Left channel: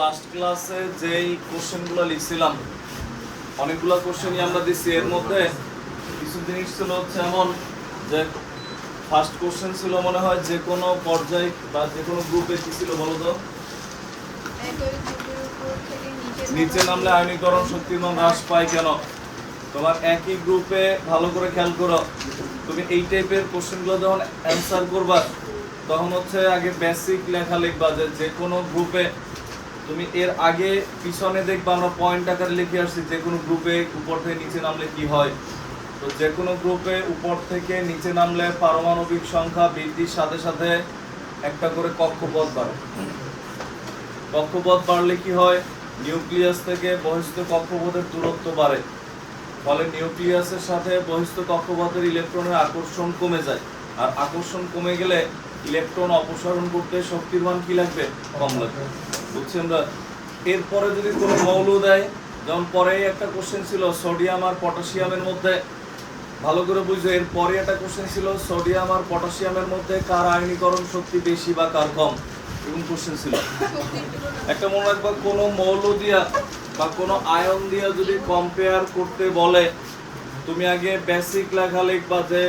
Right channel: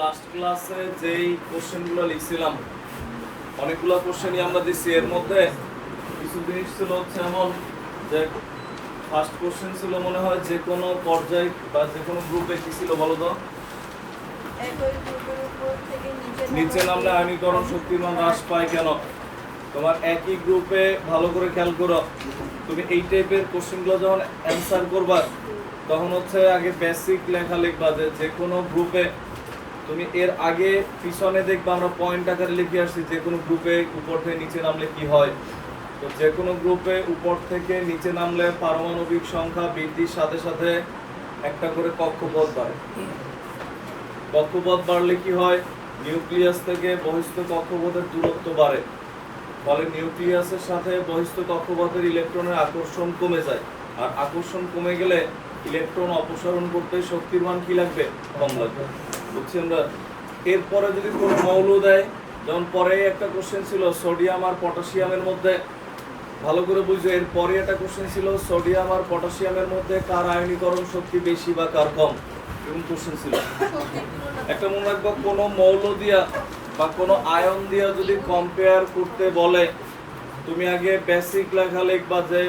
Last ক্লাসে যেই কোশ্চেনগুলো লিখছিলাম অনেকগুলো কোশ্চেনই আমরা দিচ্ছি। এর মধ্যে কিছু জিনিস ছিল হচ্ছে এমন যে ফার্স্ট কোশ্চেন ছিল মনে হয় যে কোনো পর্যায়ে বা যে কোনো গ্রুপে কি ছিল বলো তো, নিচে নামলে আয়নীকরণ শক্তির মান হ্রাস পায় কেন। তোমার একই গ্রুপে ভালো করে খেয়াল করো, তুমি এই টাইপের কোশ্চেনগুলো যখন অ্যান্সার করবা তখন হচ্ছে আগে বেসিক লেখা লিখবা যে কোনো গ্রুপে তুমি এর আগে পিছনে দেখবা আমরা পয়েন্ট আকারে লিখে আসছি যে কোনো গ্রুপে উপর থেকে নিচে নামলে কি হয়। তো যে কোনো গ্রুপে উপর থেকে নিচে নামলে পারমাণবিক সংখ্যা বৃদ্ধির সাথে সাথে একটা করে কক্ষপথ বাড়ে। কক্ষপথ বাড়লে কি হয়, নিউক্লিয়াস থেকে বহিস্থ কক্ষপথের দূরত্ব বাড়ে, ফলে নিউক্লিয়াসের সাথে বহিস্থ কক্ষপথের ইলেকট্রনের আকর্ষণ কমে যায়। আর আকর্ষণ কমে গেলে ইলেকট্রন অপসারণ করতে শক্তির মান কি লাগবে, কম লাগবে। বুঝছি আমরা। এরপরে যদি কোনো মৌল দেয়, যেমন পরে একটা কোশ্চেন ছিল সোডিয়াম আর পটাশিয়ামের মধ্যে, ভালো করে বুঝো, এরপরে একটা কোশ্চেন ছিল সোডিয়াম আর পটাশিয়ামের মধ্যে কার আয়নীকরণ শক্তি বেশি বা কার কম, এরকম কোশ্চেন ছিল। একটা মনে রাখবা, কোনো মৌল দিয়া বা কোনো আয়ন দিয়া যদি কম্পেয়ার করতে বলে তুমি আগে বেসিক লেখা লিখবা যে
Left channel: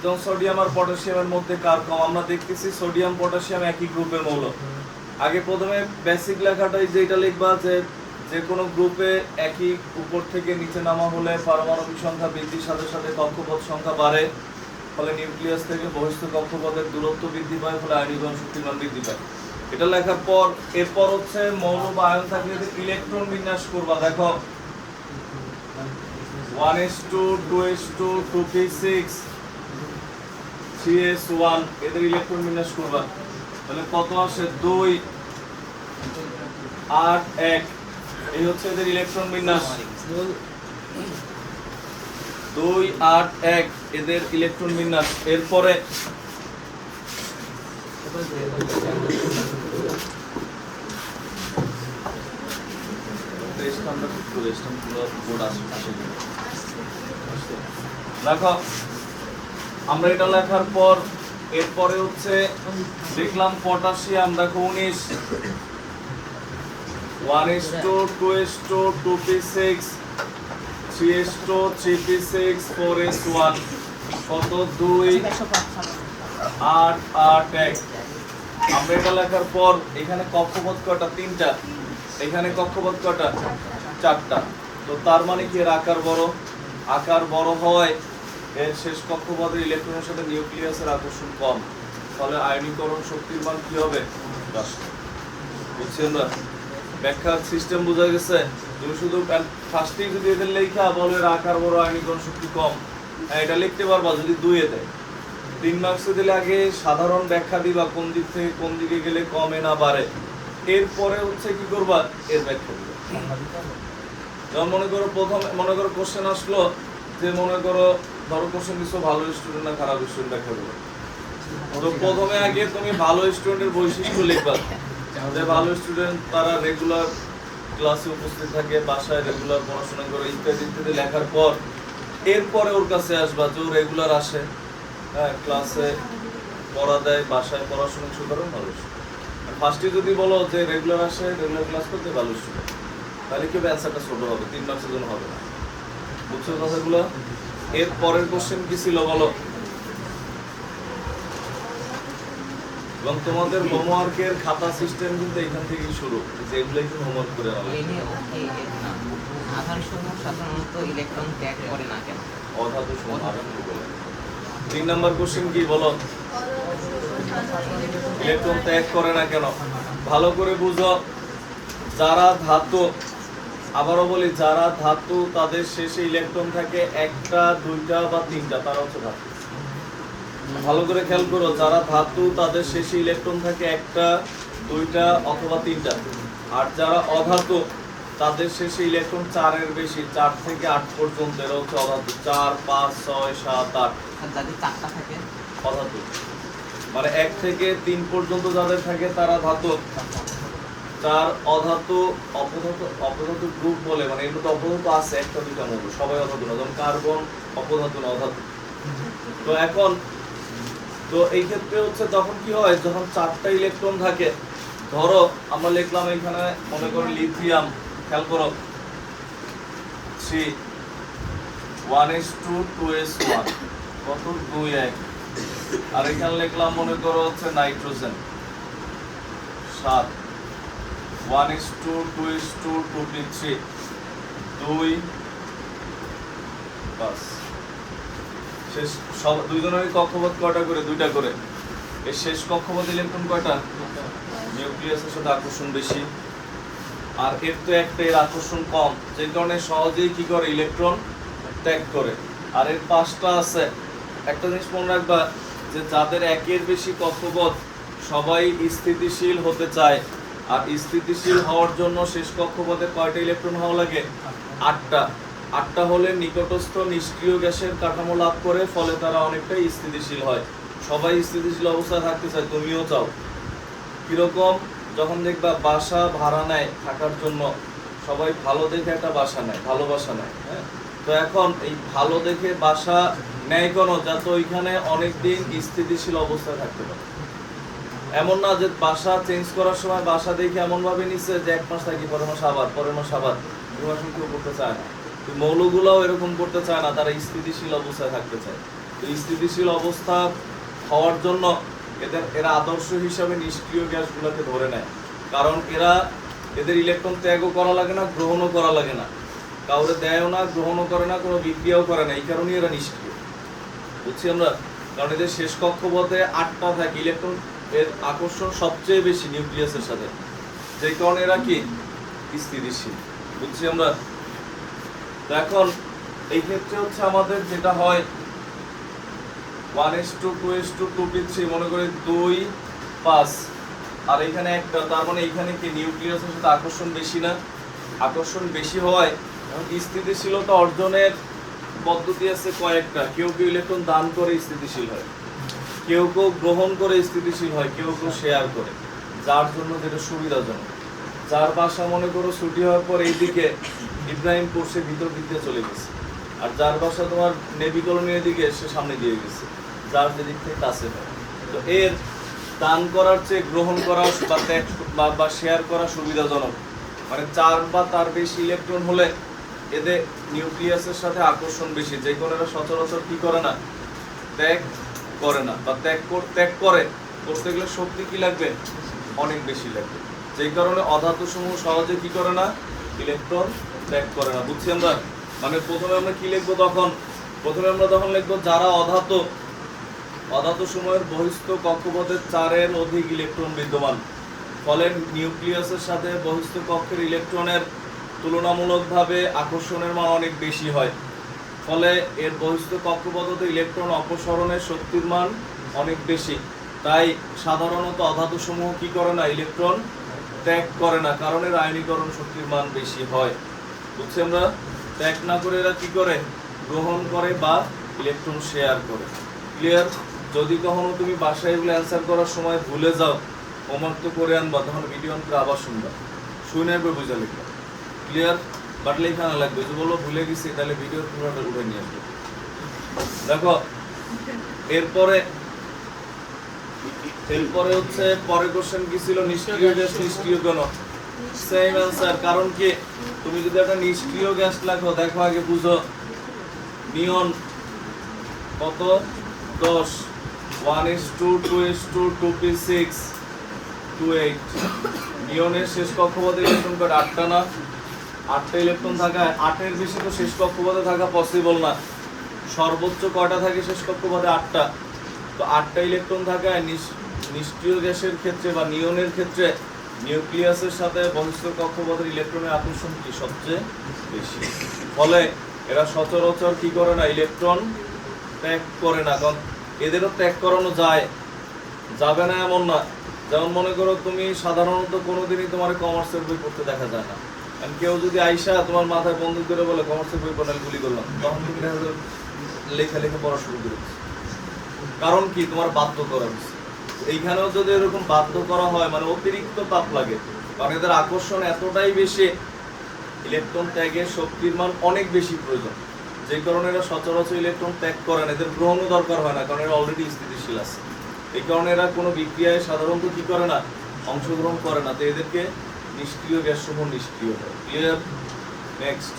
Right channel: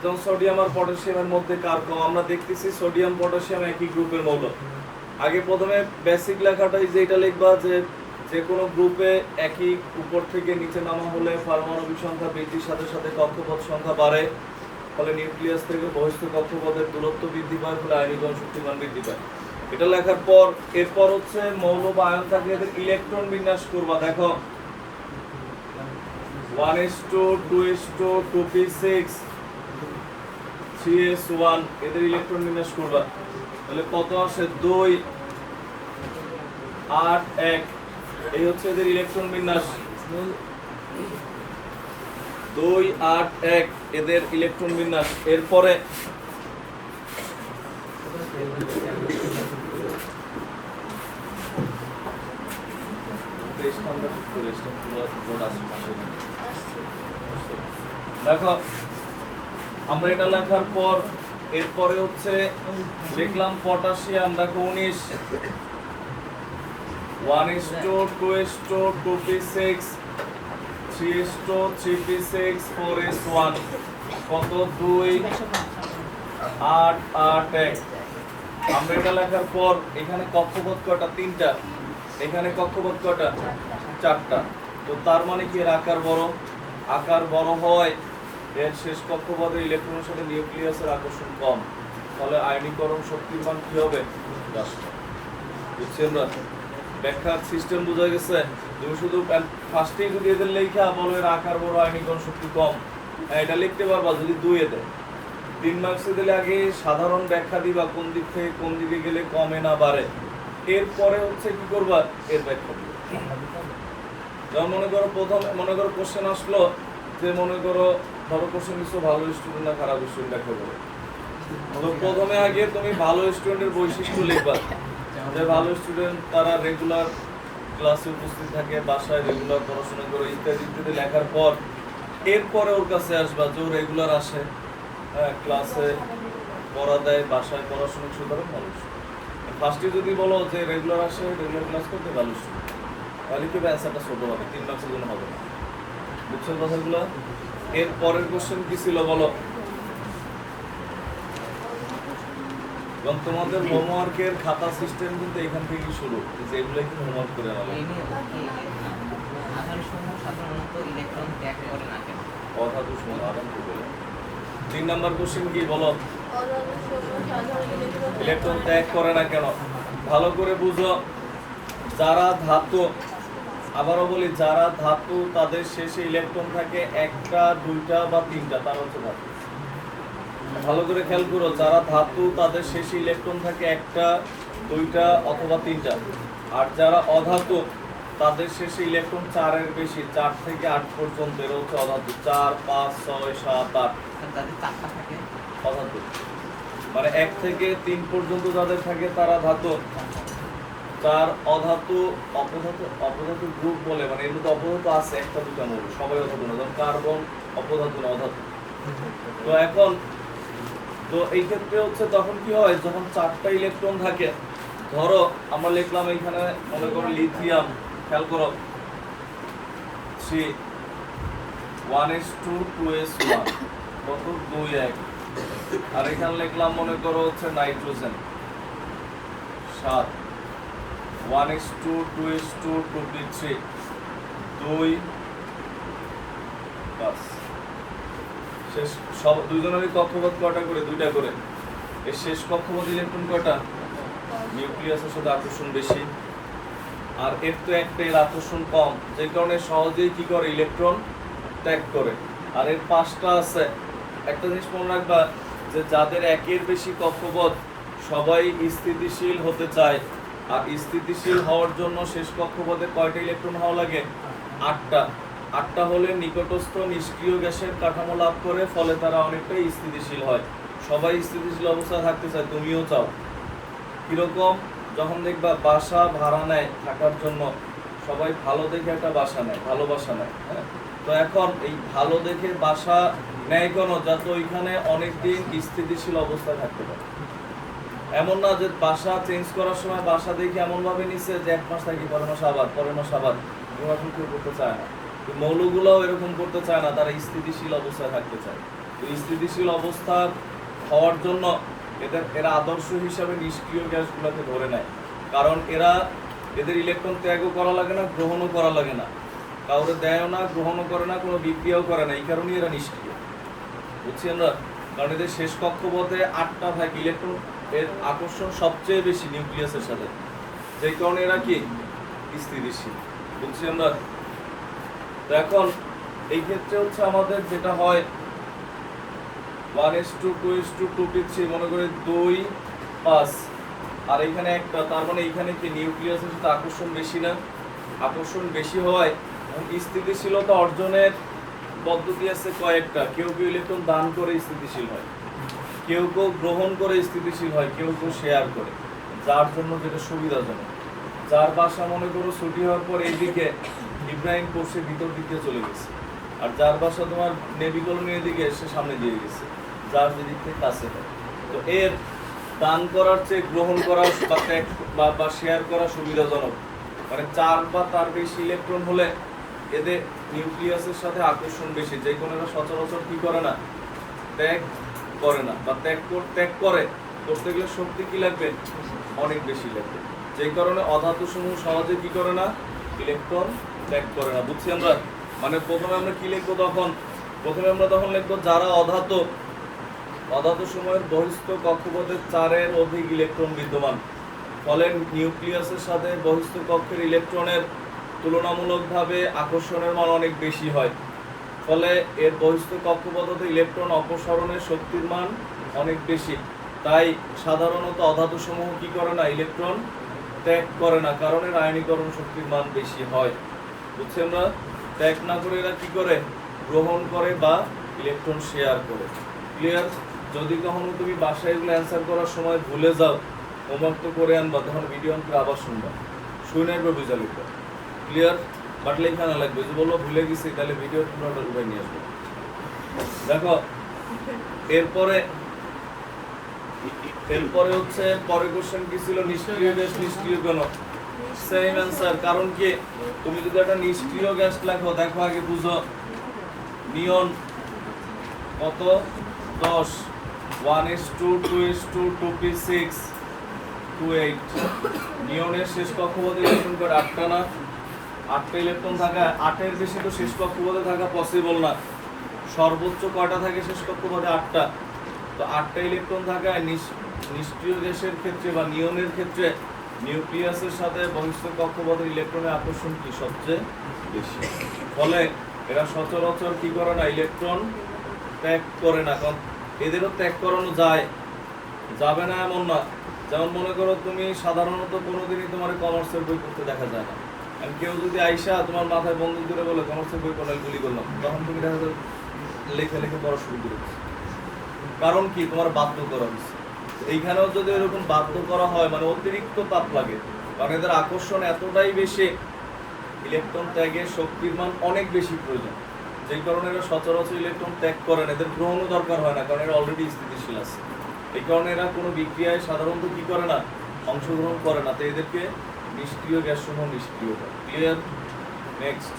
যেমন সোডিয়াম আর পটাশিয়ামের মধ্যে কার কম। আমরা দেখতেছি সোডিয়াম পটাশিয়াম একই গ্রুপের মৌল। আগে প্রথমে বেসিক লেখাটাই যেটা লিখবা যে কোনো গ্রুপে একই উপর থেকে নিচে নামা হলে পারমাণবিক সংখ্যা বৃদ্ধির সাথে সাথে কক্ষপথ সংখ্যা বাড়ে, ফলে নিউক্লিয়াস থেকে বহিস্থ কক্ষপথের দূরত্ব বৃদ্ধি পায়, ফলে আয়নীকরণ শক্তির মান বৃদ্ধি পায়। এটা লেখার পর এরপর হচ্ছে মৌল বা আয়ন থাকলে এদের ইলেকট্রন বিন্যাস করবা। দেখো 1s2 2s2 2p6 3s1 এদের ইলেকট্রন বিন্যাস করবা। তাহলে কত আসে, 2 8 1, এই হচ্ছে এদের ইলেকট্রন বিন্যাস। 2 8 1 এদের ইলেকট্রন বিন্যাস। এরপরে দেখো আমরা এটা লেখার পর এরপরে হচ্ছে দেখলাম পটাশিয়াম। দেখো 19 1s2 2s2 2p6 3s2 3p6 4s1 কত, 2 8 8 1। আমরা এটা লেখার পর এখানে কক্ষপথ কয়টা, 3টা, এখানে কক্ষপথ কয়টা, 4টা। তো তার মানে কি এর আকার বড় হয়, এর শেষ কক্ষপথের ইলেকট্রনের সাথে নিউক্লিয়াসের আকর্ষণ কম, ফলে আয়নীকরণ শক্তির মান কি হবে, বুঝছেন না? ব্যাখ্যার সিস্টেম বোঝা গেছে। তুমি শুধু ফার্স্টে যদি এদের লেখা বলো এর আকার বড় আয়নীকরণ শক্তি কম, এটা লিখতে পারবা যদি 2 এ দেয়। 3 মার্কসে দিলে আগে সাধারণ ব্যাখ্যা দিবা কোন দিক থেকে কোন দিকে গেলে কমে না বাড়ে, এরপরে হচ্ছে কি করবা, এর ব্যাখ্যা দিবা। যেমন মনে করো কোশ্চেন আসলো যে মনে করো ধরো কোশ্চেন কিছু ভালো স্টুডেন্ট না খারাপ স্টুডেন্ট ব্যাখ্যা করো। তো প্রথমে আগে তুমি ভালো স্টুডেন্টের বৈশিষ্ট্য লিখবা, যে ভালো স্টুডেন্ট তারা রেগুলার ক্লাসে উপস্থিত থাকে, বাসায় রেগুলার পড়াশোনা করে, ইত্যাদি ইত্যাদি লেখার পর এরপরে ওর কাছে আসবা যে ও রেগুলার আসে, হ্যাঁ, ক্লাসে পড়া দেয়, বাসায় পড়াশোনা শুরু করে, ভালো স্টুডেন্ট। ফার্স্টে যদি বলো যে রেগুলার আসে, রেগুলার ক্লাস করতে, ভালো স্টুডেন্ট, তাহলে কি অ্যান্সারটা ছোট হবে, 3 মার্কসের জন্য হবে না। বুঝছো কথাগুলো? এর পরের কোশ্চেন কি ছিল বলো। এবং তোমাদের হোমওয়ার্কের খাতা সিস্টেম কিন্তু এখান থেকেই শুরু, যে এগুলো কিন্তু হোমওয়ার্ক করে আনা লাগবে। অধাতু সমাধান কি বলে। 3 নাম্বার কোশ্চেন কি বলো, ইলেকট্রন ত্যাগ করে না কেন। ভালো করে বুঝো, যারা ধাতু, আবারও বলি, যারা ধাতু তাদের শেষে ইলেকট্রন থাকে 1টা 2টা বা 3টা, তারা হচ্ছে ধাতু। ভালো করে খেয়াল করো, যারা ধাতু তাদের শেষে ইলেকট্রন থাকে 1টা 2টা অথবা 3টা। আর যারা অধাতু তাদের শেষে ইলেকট্রন 4-এর বেশি, 4 থেকে 8 পর্যন্ত, এরা হচ্ছে অধাতু। 4 5 6 7 8 অধাতু। মানে 1 থেকে 3 পর্যন্ত যাদের থাকে তারা ধাতু। তার অধাতু অপধাতু গ্রুপ বলে, মানে এর মধ্যে অপধাতু আছে 1টা 2টা মৌল, সবাই অধাতু না, যেমন কার্বন অপধাতু না, অধাতু। তো এখন তো এই ক্ষেত্রে হচ্ছে তখন কি হয়, যখন 4টা ইলেকট্রন থাকে ধরো আমরা লিখলাম এখানে মনে করো লিথিয়াম, খেয়াল করো 3 1:2:1 কত 2:1, আর এখানে লিখলাম মনে করো হচ্ছে নাইট্রোজেন 7 1:2:2:3 2 বাস। শেষ সব দুইজনেরই কক্ষপথ কয়টা করে? দুইটা করে। এর শেষ কক্ষপথ ইলেকট্রন কয়টা? নিউক্লিয়াসের সাথে আকর্ষণ বেশি, আর এর তো একটা, এর আকর্ষণ কম, যে কারণে সহজেই কি করে? ইলেকট্রন ত্যাগ করে। আর এর 5টা আছে। একটা জিনিস মনে রাখবা যে যাদের একের বেশি কক্ষপথ সবাই স্থিতিশীল হতে চায়, আর স্থিতিশীল হওয়ার জন্য শেষ কক্ষপথে কয়টা ইলেকট্রন হওয়া লাগে? 8টা। 8টা হলে নিকটস্থ নিষ্ক্রিয় গ্যাসের কাঠামো লাভ করে, ফলে তারা অনেকটাই স্থিতিশীল হয়। সবাই স্থিতিশীল অবস্থায় থাকতে চায়, তুমিও চাও। কিরকম? যখন দেখবা বাসা ভাড়া নেয় থাকার জন্য, সবাই ভালো দেখে একটা বাসা নেয়, ভালো বাসা নেয়, হ্যাঁ? তো এখন এই ভালো দেখে বাসা নেয় কেন? যাতে ওইখানে অনেকদিন স্থিতিশীল অবস্থায় থাকতে পারে। এমন না যে বাসা চেঞ্জ করার সময় বাসা দেখে এমন ভাবে নিচ্ছে যে 1 মাস থাকি, পরের মাস আবার, পরের মাস আবার। এরকম কেউ করতে চায় না। মৌলগুলোও এরকম করতে চায় না, তারা স্থিতিশীল অবস্থায় থাকতে চায়। তো স্থিতিশীল অবস্থা হওয়ার জন্য এরা আদর্শ হিসাবে নিষ্ক্রিয় গ্যাসগুলোকে ধরে নেয়, কারণ এদের ইলেকট্রন ত্যাগও করা লাগে না, গ্রহণও করা লাগে না, কাউরে দেয়ও না, গ্রহণও করে না, কোনো বিক্রিয়াও করে না। এই কারণেই এরা নিষ্ক্রিয়, বুঝছি আমরা। কারণ এদের শেষ কক্ষপথে 8টা থাকে, ইলেকট্রন এর আকর্ষণ সবচেয়ে বেশি নিউক্লিয়াসের সাথে, যে কারণে এরা কি? স্থিতিশীল, বুঝছি আমরা। তো এখন এই ক্ষেত্রে হচ্ছে আমাদের যেটা হয় 1:2:2:3 মনে করে 2 5, আর এখানে একটা, তার মানে এখানে কি নিউক্লিয়াসের সাথে আকর্ষণ বেশি না? আকর্ষণ বেশি হয়। স্থিতিশীলতা অর্জনের পদ্ধতি আছে কয়েকটা। কেউ কেউ ইলেকট্রন দান করে স্থিতিশীল হয়, কেউ কেউ গ্রহণ করে স্থিতিশীল হয়, কেউ কেউ শেয়ার করে, যার জন্য যেটা সুবিধাজনক। যার বাসা মনে করো ছুটি হওয়ার পর এইদিকে ইব্রাহিম কোর্সের ভিতর দিকে চলে গেছে, আর যার বাসা তোমার নেভি কলোনির দিকে সে সামনে দিয়ে গেছে, যার যেদিক থেকে কাছে হয়। তো এর দান করার চেয়ে গ্রহণ করা বা ত্যাগ বা শেয়ার করা সুবিধাজনক। মানে 4 বা তার বেশি ইলেকট্রন হলে এদের নিউক্লিয়াসের সাথে আকর্ষণ বেশি, যে কোনো এরা সচরাচর কি করে না? ত্যাগ করে না, বা ত্যাগ করে করতে গেলে শক্তি কি লাগবে? অনেক বেশি লাগবে। যেই কারণে অধাতু সমূহ সহজে কি করে না? ইলেকট্রন ত্যাগ করে না, বুঝছি আমরা। মানে প্রথমে আমরা কি লিখবো তখন? প্রথমে আমরা তখন লিখবো যারা অধাতু সময়ের বহিস্থ কক্ষপথে 4-এর অধিক ইলেকট্রন বিদ্যমান, ফলে নিউক্লিয়াসের সাথে বহিস্থ কক্ষের ইলেকট্রনের তুলনামূলকভাবে আকর্ষণের মান অনেক বেশি হয়, ফলে এর বহিস্থ কক্ষপথে ইলেকট্রন অপসরণের শক্তির মান অনেক বেশি। তাই সাধারণত অধাতু সমূহ কি করে না? ইলেকট্রন ত্যাগ করে না, কারণ এর আয়নীকরণ শক্তির মান বেশি হয়, বুঝছি আমরা। ত্যাগ না করে এরা কি করে? গ্রহণ করে বা ইলেকট্রন শেয়ার করে। ক্লিয়ার? যদি কখনো তুমি বাসায় এগুলো অ্যান্সার করার সময় ভুলে যাও, হোমওয়ার্ক তো করে আনবা, তখন ভিডিও অন্তরে আবার শুনবা, শুনে এরপর বুঝা লিখবা। ক্লিয়ার? বাট লেখা না লাগবে, যে বললো ভুলে গেছি, তাহলে ভিডিওর পুরোটা উঠে নিয়ে আসবো। দেখো এরপরে হচ্ছে পরের কোশ্চেন কি ছিল? নিষ্ক্রিয় গ্যাস নিষ্ক্রিয় কেন? Same answer. কারণ কি, তুমি যদি একটা নিষ্ক্রিয় গ্যাস লেখো, দেখো আগে বুঝো নিয়ন কত? 10 1:2:2:6 2:8। নিয়নের শেষ কক্ষপথে ইলেকট্রন কত? 8টা না? 8টা ইলেকট্রন থাকা, 8-এর বেশি তো শেষ কক্ষপথে থাকা পসিবল না। সর্বোচ্চ কয়টা থাকে শেষ কক্ষপথে? 8টা। তো 8টা ইলেকট্রন থাকায় নিষ্ক্রিয় গ্যাসের ক্ষেত্রে বা নিয়নের ক্ষেত্রে নিউক্লিয়াসের সাথে বহিস্থ কক্ষপথের ইলেকট্রনের আকর্ষণ কি? সবচেয়ে বেশি। ফলে এরা সচরাচর কি করে না? ইলেকট্রন ত্যাগ করে না। কারণ এদেরও ত্যাগ করানো যাবে না এমন না। যেমন মনে করো তুমি সাধারণত কোনোদিনই তোমার কমার্সের বই পড়তে দেখা যায় না। কেউ যদি আইসা তোমার মাথায় বন্দুক করে বলে কমার্সের বই পড়ার গুলি করলাম, তখন তুমি দেখা যাবে লেখা পড়া শুরু করে। কারণ কি? তোমার বাধ্য করা হচ্ছে। এইখানেও যদি এরকম বাধ্য করা হয়, মানে অতিরিক্ত তাপ লাগে, কারণ এদের আকর্ষণ এতটাই বেশি, ইলেকট্রন ত্যাগের শক্তির মান অনেক বেশি প্রয়োজন, যে কারণে এরা সচরাচর ইলেকট্রন ত্যাগ করে না। এদের গ্রহণও দরকার হয় না, কারণ এরা অলরেডি স্থিতিশীল আছে। এই কারণে এরা কোনো বিক্রিয়ায় সাধারণত কি করে না? অংশগ্রহণ করে না, তো এদেরকে নিষ্ক্রিয় গ্যাস সমূহ নিষ্ক্রিয় হয়। ক্লিয়ার? নেক্সট,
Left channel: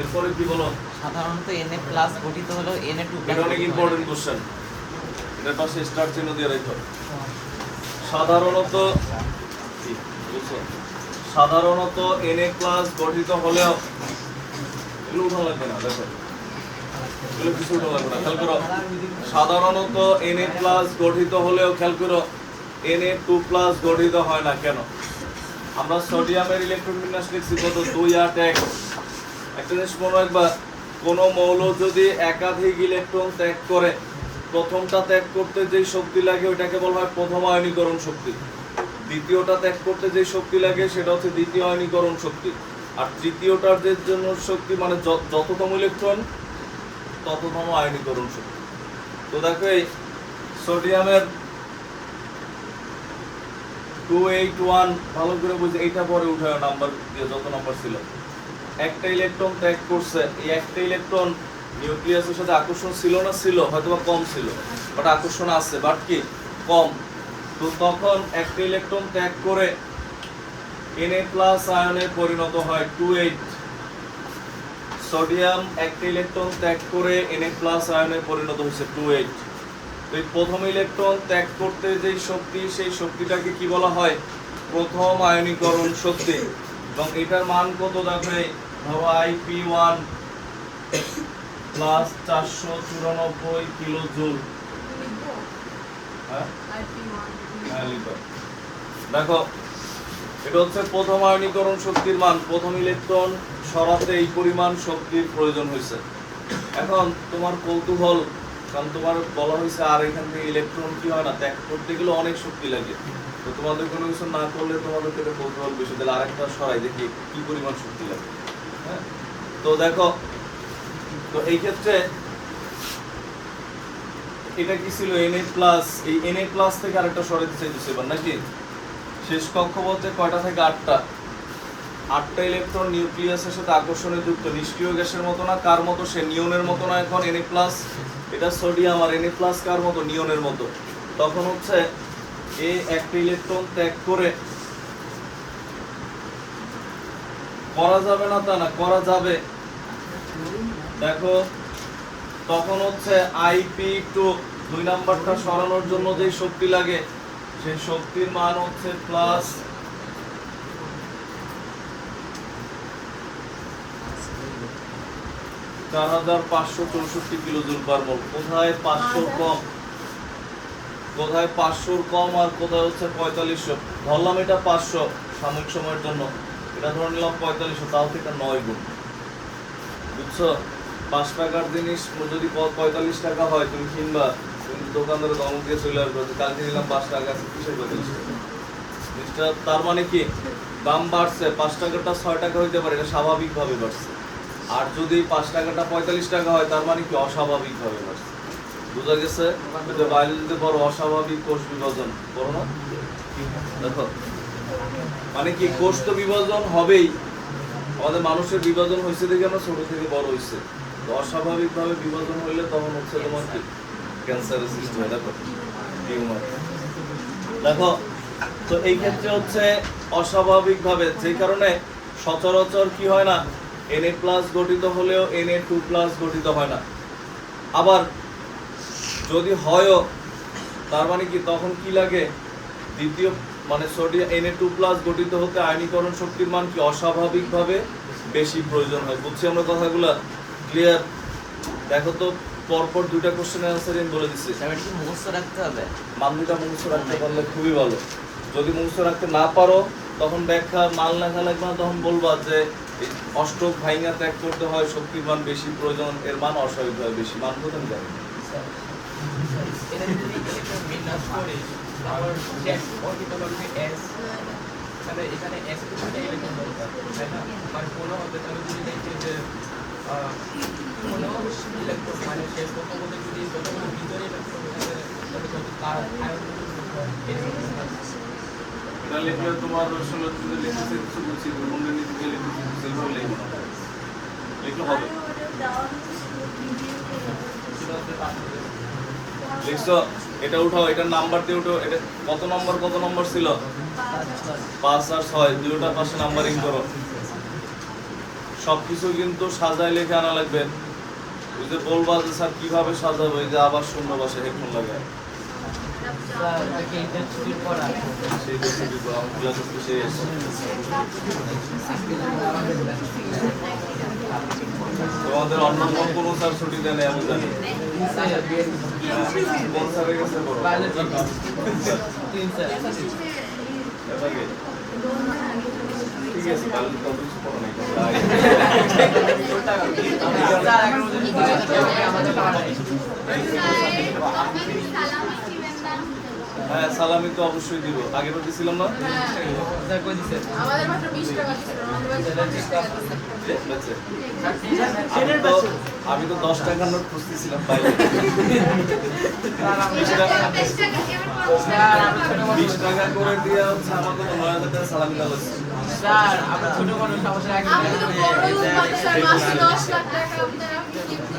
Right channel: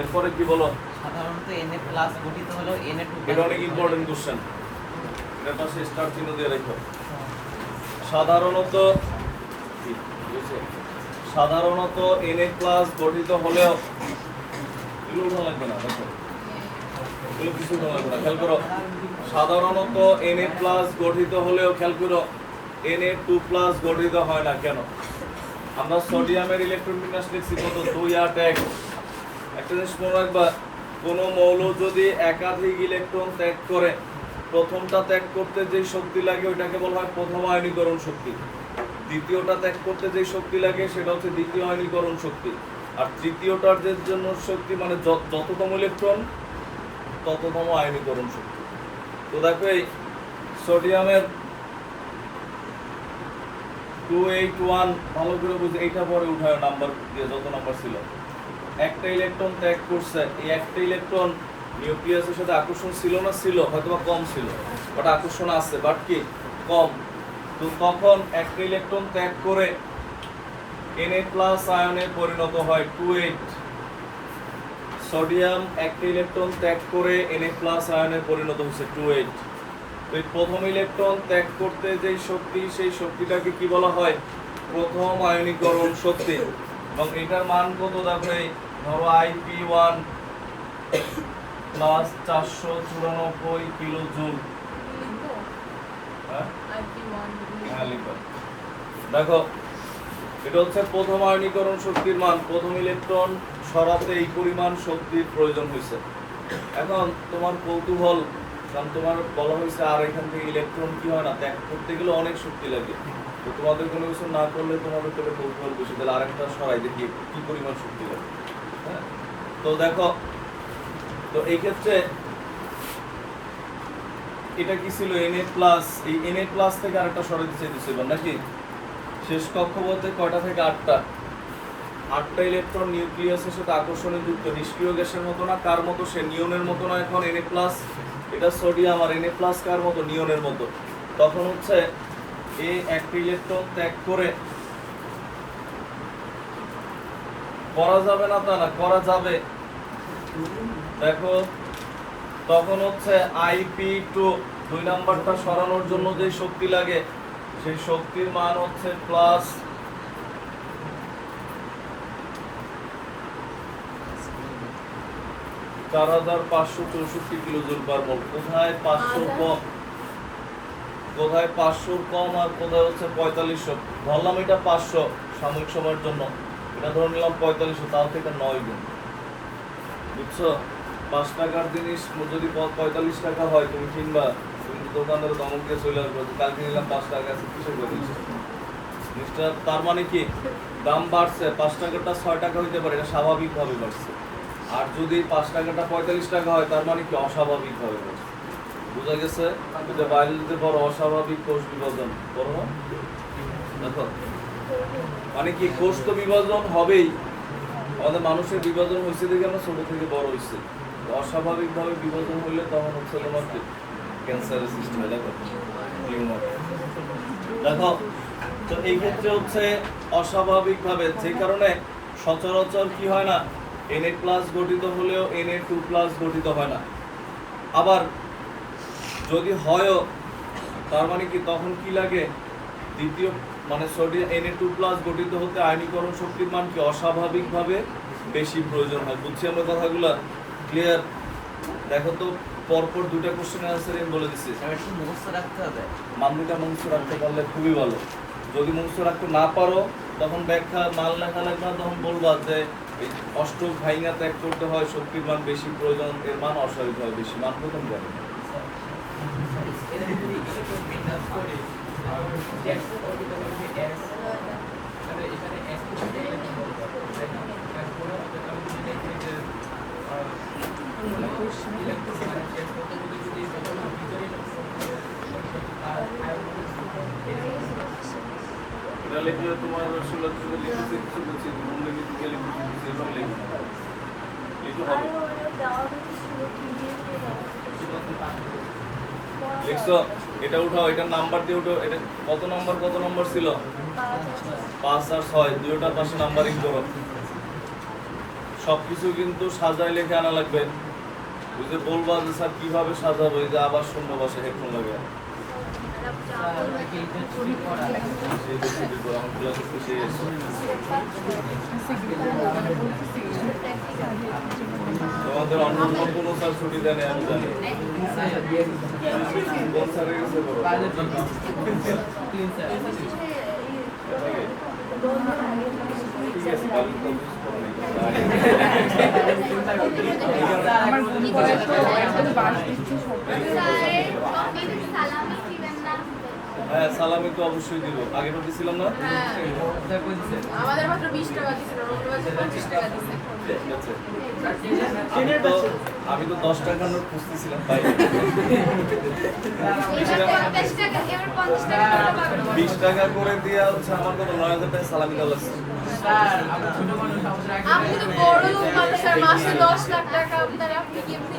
এরপরে কি বলো? সাধারণত Na+ গঠিত হলো Na2+। এটা অনেক ইম্পর্টেন্ট কোশ্চেন, এর পাশে স্টার চিহ্ন দিয়ে রাখো। সাধারণত কি বুঝছো? সাধারণত Na+ গঠিত হলেও এগুলো উঠানো লাগবে না, দেখো এগুলো কিছু উঠানো লাগবে না, খেয়াল করো। সাধারণত Na+ গঠিত হলেও খেয়াল করো Na2+ গঠিত হয় না কেন? আমরা সোডিয়ামের ইলেকট্রন বিন্যাস লিখছি কত? 2 8 1। একটা জিনিস মনে রাখবা, কোন মৌল যদি একাধিক ইলেকট্রন ত্যাগ করে, প্রথমটা ত্যাগ করতে যেই শক্তি লাগে ওইটাকে বলা হয় প্রথম আয়নীকরণ শক্তি, দ্বিতীয়টা ত্যাগ করতে যেই শক্তি লাগে সেটা হচ্ছে দ্বিতীয় আয়নীকরণ শক্তি, আর তৃতীয়টার যে জন্য শক্তি মানে যততম ইলেকট্রন তততম আয়নীকরণ শক্তি। তো দেখো এই সোডিয়ামের 281 ভালো করে বুঝে এইটা পরে উঠায় নাম্বার দিয়ে, যত নাম্বার ছিল। একটা ইলেকট্রন ত্যাগ করছে, এই একটা ইলেকট্রন নিউক্লিয়াসের সাথে আকর্ষণ ছিল না? ছিল, হয়তোবা কম ছিল, বাট আকর্ষণ আছে, বাট কি কম। তো তখন একটা ইলেকট্রন ত্যাগ করে Na+ আয়নে পরিণত হয় 28। সোডিয়াম একটা ইলেকট্রন ত্যাগ করে Na+ আয়নে পরিণত হয়েছে 28। তো এই প্রথম ইলেকট্রন ত্যাগ করতে যে শক্তি, সেই শক্তিটাকে কি বলা হয়? প্রথম আয়নীকরণ শক্তি। এবং এটার মান কত? দেখো এই ধরো Ip1 প্লাস 494 কিলো জুল। হ্যাঁ হ্যাঁ লিখো। দেখো এটা হচ্ছে প্রথম আয়নীকরণ শক্তির মান, প্রথম ইলেকট্রন সরাতে এই পরিমাণ শক্তির প্রয়োজন হয়েছে। এখন তোমার কৌতূহল, কারণ তোমার বলা হয়েছে আর এখান থেকে ইলেকট্রন কি হয় না, ত্যাগ করতে গেলে অনেক শক্তি লাগে। তো তোমাদের কোনো কিছু না করলে তোমাদের পেটে কৌতূহল বেশি, তাহলে আরেকটা সরাই দেখি কি পরিমাণ শক্তি লাগে। হ্যাঁ, তো দেখো, তো এই ক্ষেত্রে এটা কি ছিল? Na+। এই Na+ থেকে আরেকটা সরাইতে চাইতেছে এবার নাকি? শেষ কক্ষপথে কয়টা থেকে? 8টা। 8টা ইলেকট্রন নিউক্লিয়াসের সাথে আকর্ষণে যুক্ত, নিষ্ক্রিয় গ্যাসের মতো না। কার মতো? সে নিয়নের মতো না। এখন Na+, এটা সোডিয়াম, আর Na+ কার মতো? নিয়নের মতো। তখন হচ্ছে এই একটা ইলেকট্রন ত্যাগ করে, করা যাবে না তা না, করা যাবে। দেখো তখন হচ্ছে Ip2 2 নাম্বারটা সরানোর জন্য যে শক্তি লাগে, সেই শক্তির মান হচ্ছে প্লাস 4564 কিলো জুল পার মোল। কোথায় 500 কম, কোথায় 500 কম, আর কোথায় হচ্ছে 4500। ধরলাম এটা 500 সাময়িক সময়ের জন্য, এটা ধরে নিলাম 4500, তাও থেকে 9 গুণ। বুঝছো? 5 টাকার জিনিস যদি 45 টাকা হয়, তুমি কিনবা, তুমি দোকানদারে দমন দিয়ে চলে আসবে, কালকে নিলাম 5 টাকা আছে, কিসের 45 টাকা? জিনিসটা তার মানে কি দাম বাড়ছে, 5 টাকাটা 6 টাকা হইতে পারে, এটা স্বাভাবিকভাবে বাড়ছে। আর যদি 5 টাকাটা 45 টাকা হয়, তার মানে কি অস্বাভাবিকভাবে বাড়ছে। বুঝা গেছে? এটা বায়োলজিতে বড় অস্বাভাবিক কোষ বিভাজন করো না? দেখো মানে কি, কোষ তো বিভাজন হবেই, আমাদের মানুষের বিভাজন হয়েছে দেখে আমরা ছোট থেকে বড় হয়েছে। অস্বাভাবিকভাবে বিভাজন হইলে তখন হচ্ছে তোমার কি ক্যান্সারের সৃষ্টি হয়। দেখো টিউমার। দেখো তো এই ক্ষেত্রে হচ্ছে অস্বাভাবিকভাবে, যে কারণে সচরাচর কি হয় না, Na+ গঠিত হলেও Na2+ গঠিত হয় না। আবার যদি হয়ও, তার মানে কি তখন কি লাগে? দ্বিতীয় মানে সোডিয়াম Na2+ গঠিত হতে আয়নীকরণ শক্তির মান কি অস্বাভাবিকভাবে বেশি প্রয়োজন হয়। বুঝছি আমরা কথাগুলো? ক্লিয়ার? দেখো তো পরপর দুটা কোশ্চেনের অ্যান্সার আমি বলে দিচ্ছি। এবার কি মুখস্থ রাখতে হবে? মান দুটা মুখস্থ রাখতে পারলে খুবই ভালো। যদি মুখস্থ রাখতে না পারো, তখন ব্যাখ্যা মান লেখা লাগবে না, তখন বলবা যে অষ্টক ভাইঙ্গা ত্যাগ করতে হয়, শক্তির মান বেশি প্রয়োজন, এর মান অস্বাভাবিকভাবে বেশি। মান প্রথম জানি না। এটা লিখলে তোমার আসলে তুমি লিখেছি কিছু বলছি, মনে লিখতে লিখেছি সেভাবে লিখবো না, লিখলে হবে। লিখছো এটা উঠাও, এটার নাম্বার দিয়ে উঠাও। এটা কত নম্বর ছিল? 5 আর 6 দুটোটার পাশে নাম্বারিং করো। সবকিছু কিন্তু সাজাই লেখে আনা লাগবে। ওই যে বলবা যে স্যার কিভাবে সাজাবো, এই যে আবার শূন্য পাশে হেডফোন লাগে। সেই দেখে দিব, আমি ক্লাস করতে সেই এসে। তোমাদের অন্য কোনো স্যার ছুটি দেয় না আমি জানি। কোন স্যারের কাছে করো? ঠিক আছে, কাল তো কিছু করো হ্যাঁ, সালামি তো অবশ্যই দিব। আগে তো দিছিলাম না? আমাদের মাত্র 20 টাকা ছিল, আমাদের মাত্র 20 টাকা ছিল। আমি তো 10 টাকার নোট খুঁজতেছিলাম বাইরে। 20 টাকা করে দিয়ে হচ্ছে আমার তো 9000 টাকা সালামি দেওয়া লাগছে। আমি তো বড় মানুষের মাসে 10 লাখ টাকা আপনারা কি কেমনে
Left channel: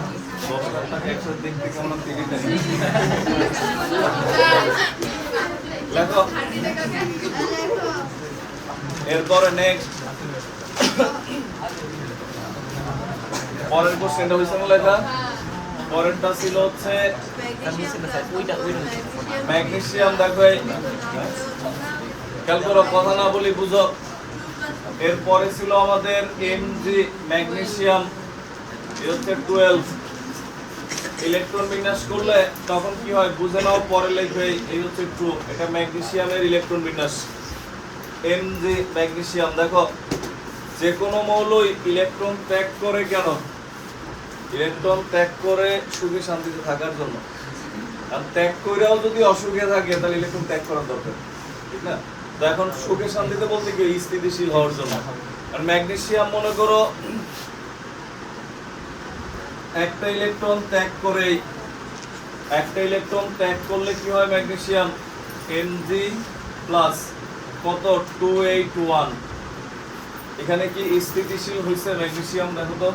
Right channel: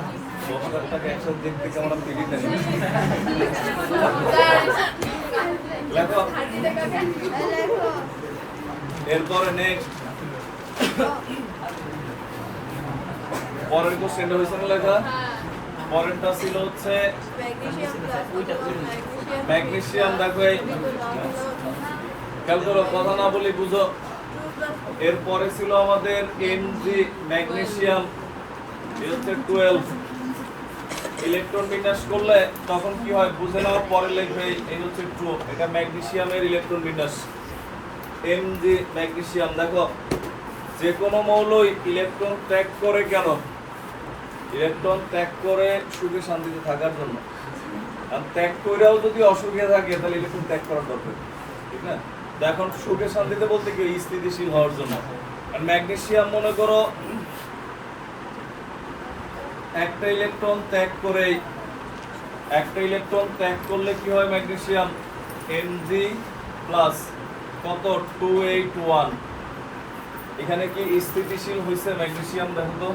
10 লাখ টাকা একসাথে দেখতে কেমন আমি পেরি নাই। লেখো। এরপরে নেক্সট পরের কোশ্চেনটা হইছে না লেখা? পরেরটা ছিল হচ্ছে ম্যাগনেসিয়াম। দেখো এই খেয়াল করো, কথা না বলি বুঝো। এরপরে ছিল আমাদের Mg ম্যাগনেসিয়াম, এটা হচ্ছে 12। ইলেকট্রন বিন্যাস করলে তখন কি হয় বুঝে নাও, পরে লিখবে। এই হচ্ছে 2, এটা ম্যাগনেসিয়ামের ইলেকট্রন বিন্যাস। Mg magnesium. দেখো যে কোনো মৌলই ইলেকট্রন ত্যাগ করে কেন? ইলেকট্রন ত্যাগ করে সুখে শান্তিতে থাকার জন্য। আর ত্যাগ করেও যদি অসুখে থাকে তাহলে ইলেকট্রন ত্যাগ করার দরকার, ঠিক না? তো এখন সুখে শান্তিতে বলতে কি স্থিতিশীল হওয়ার জন্য। আর ম্যাগনেসিয়াম মনে করো একটা ইলেকট্রন ত্যাগ করলে কি হয় ম্যাগনেসিয়াম? Mg প্লাস কত 281। এখানে কি স্থিতিশীল হইছে ম্যাগনেসিয়াম? দেখো তো,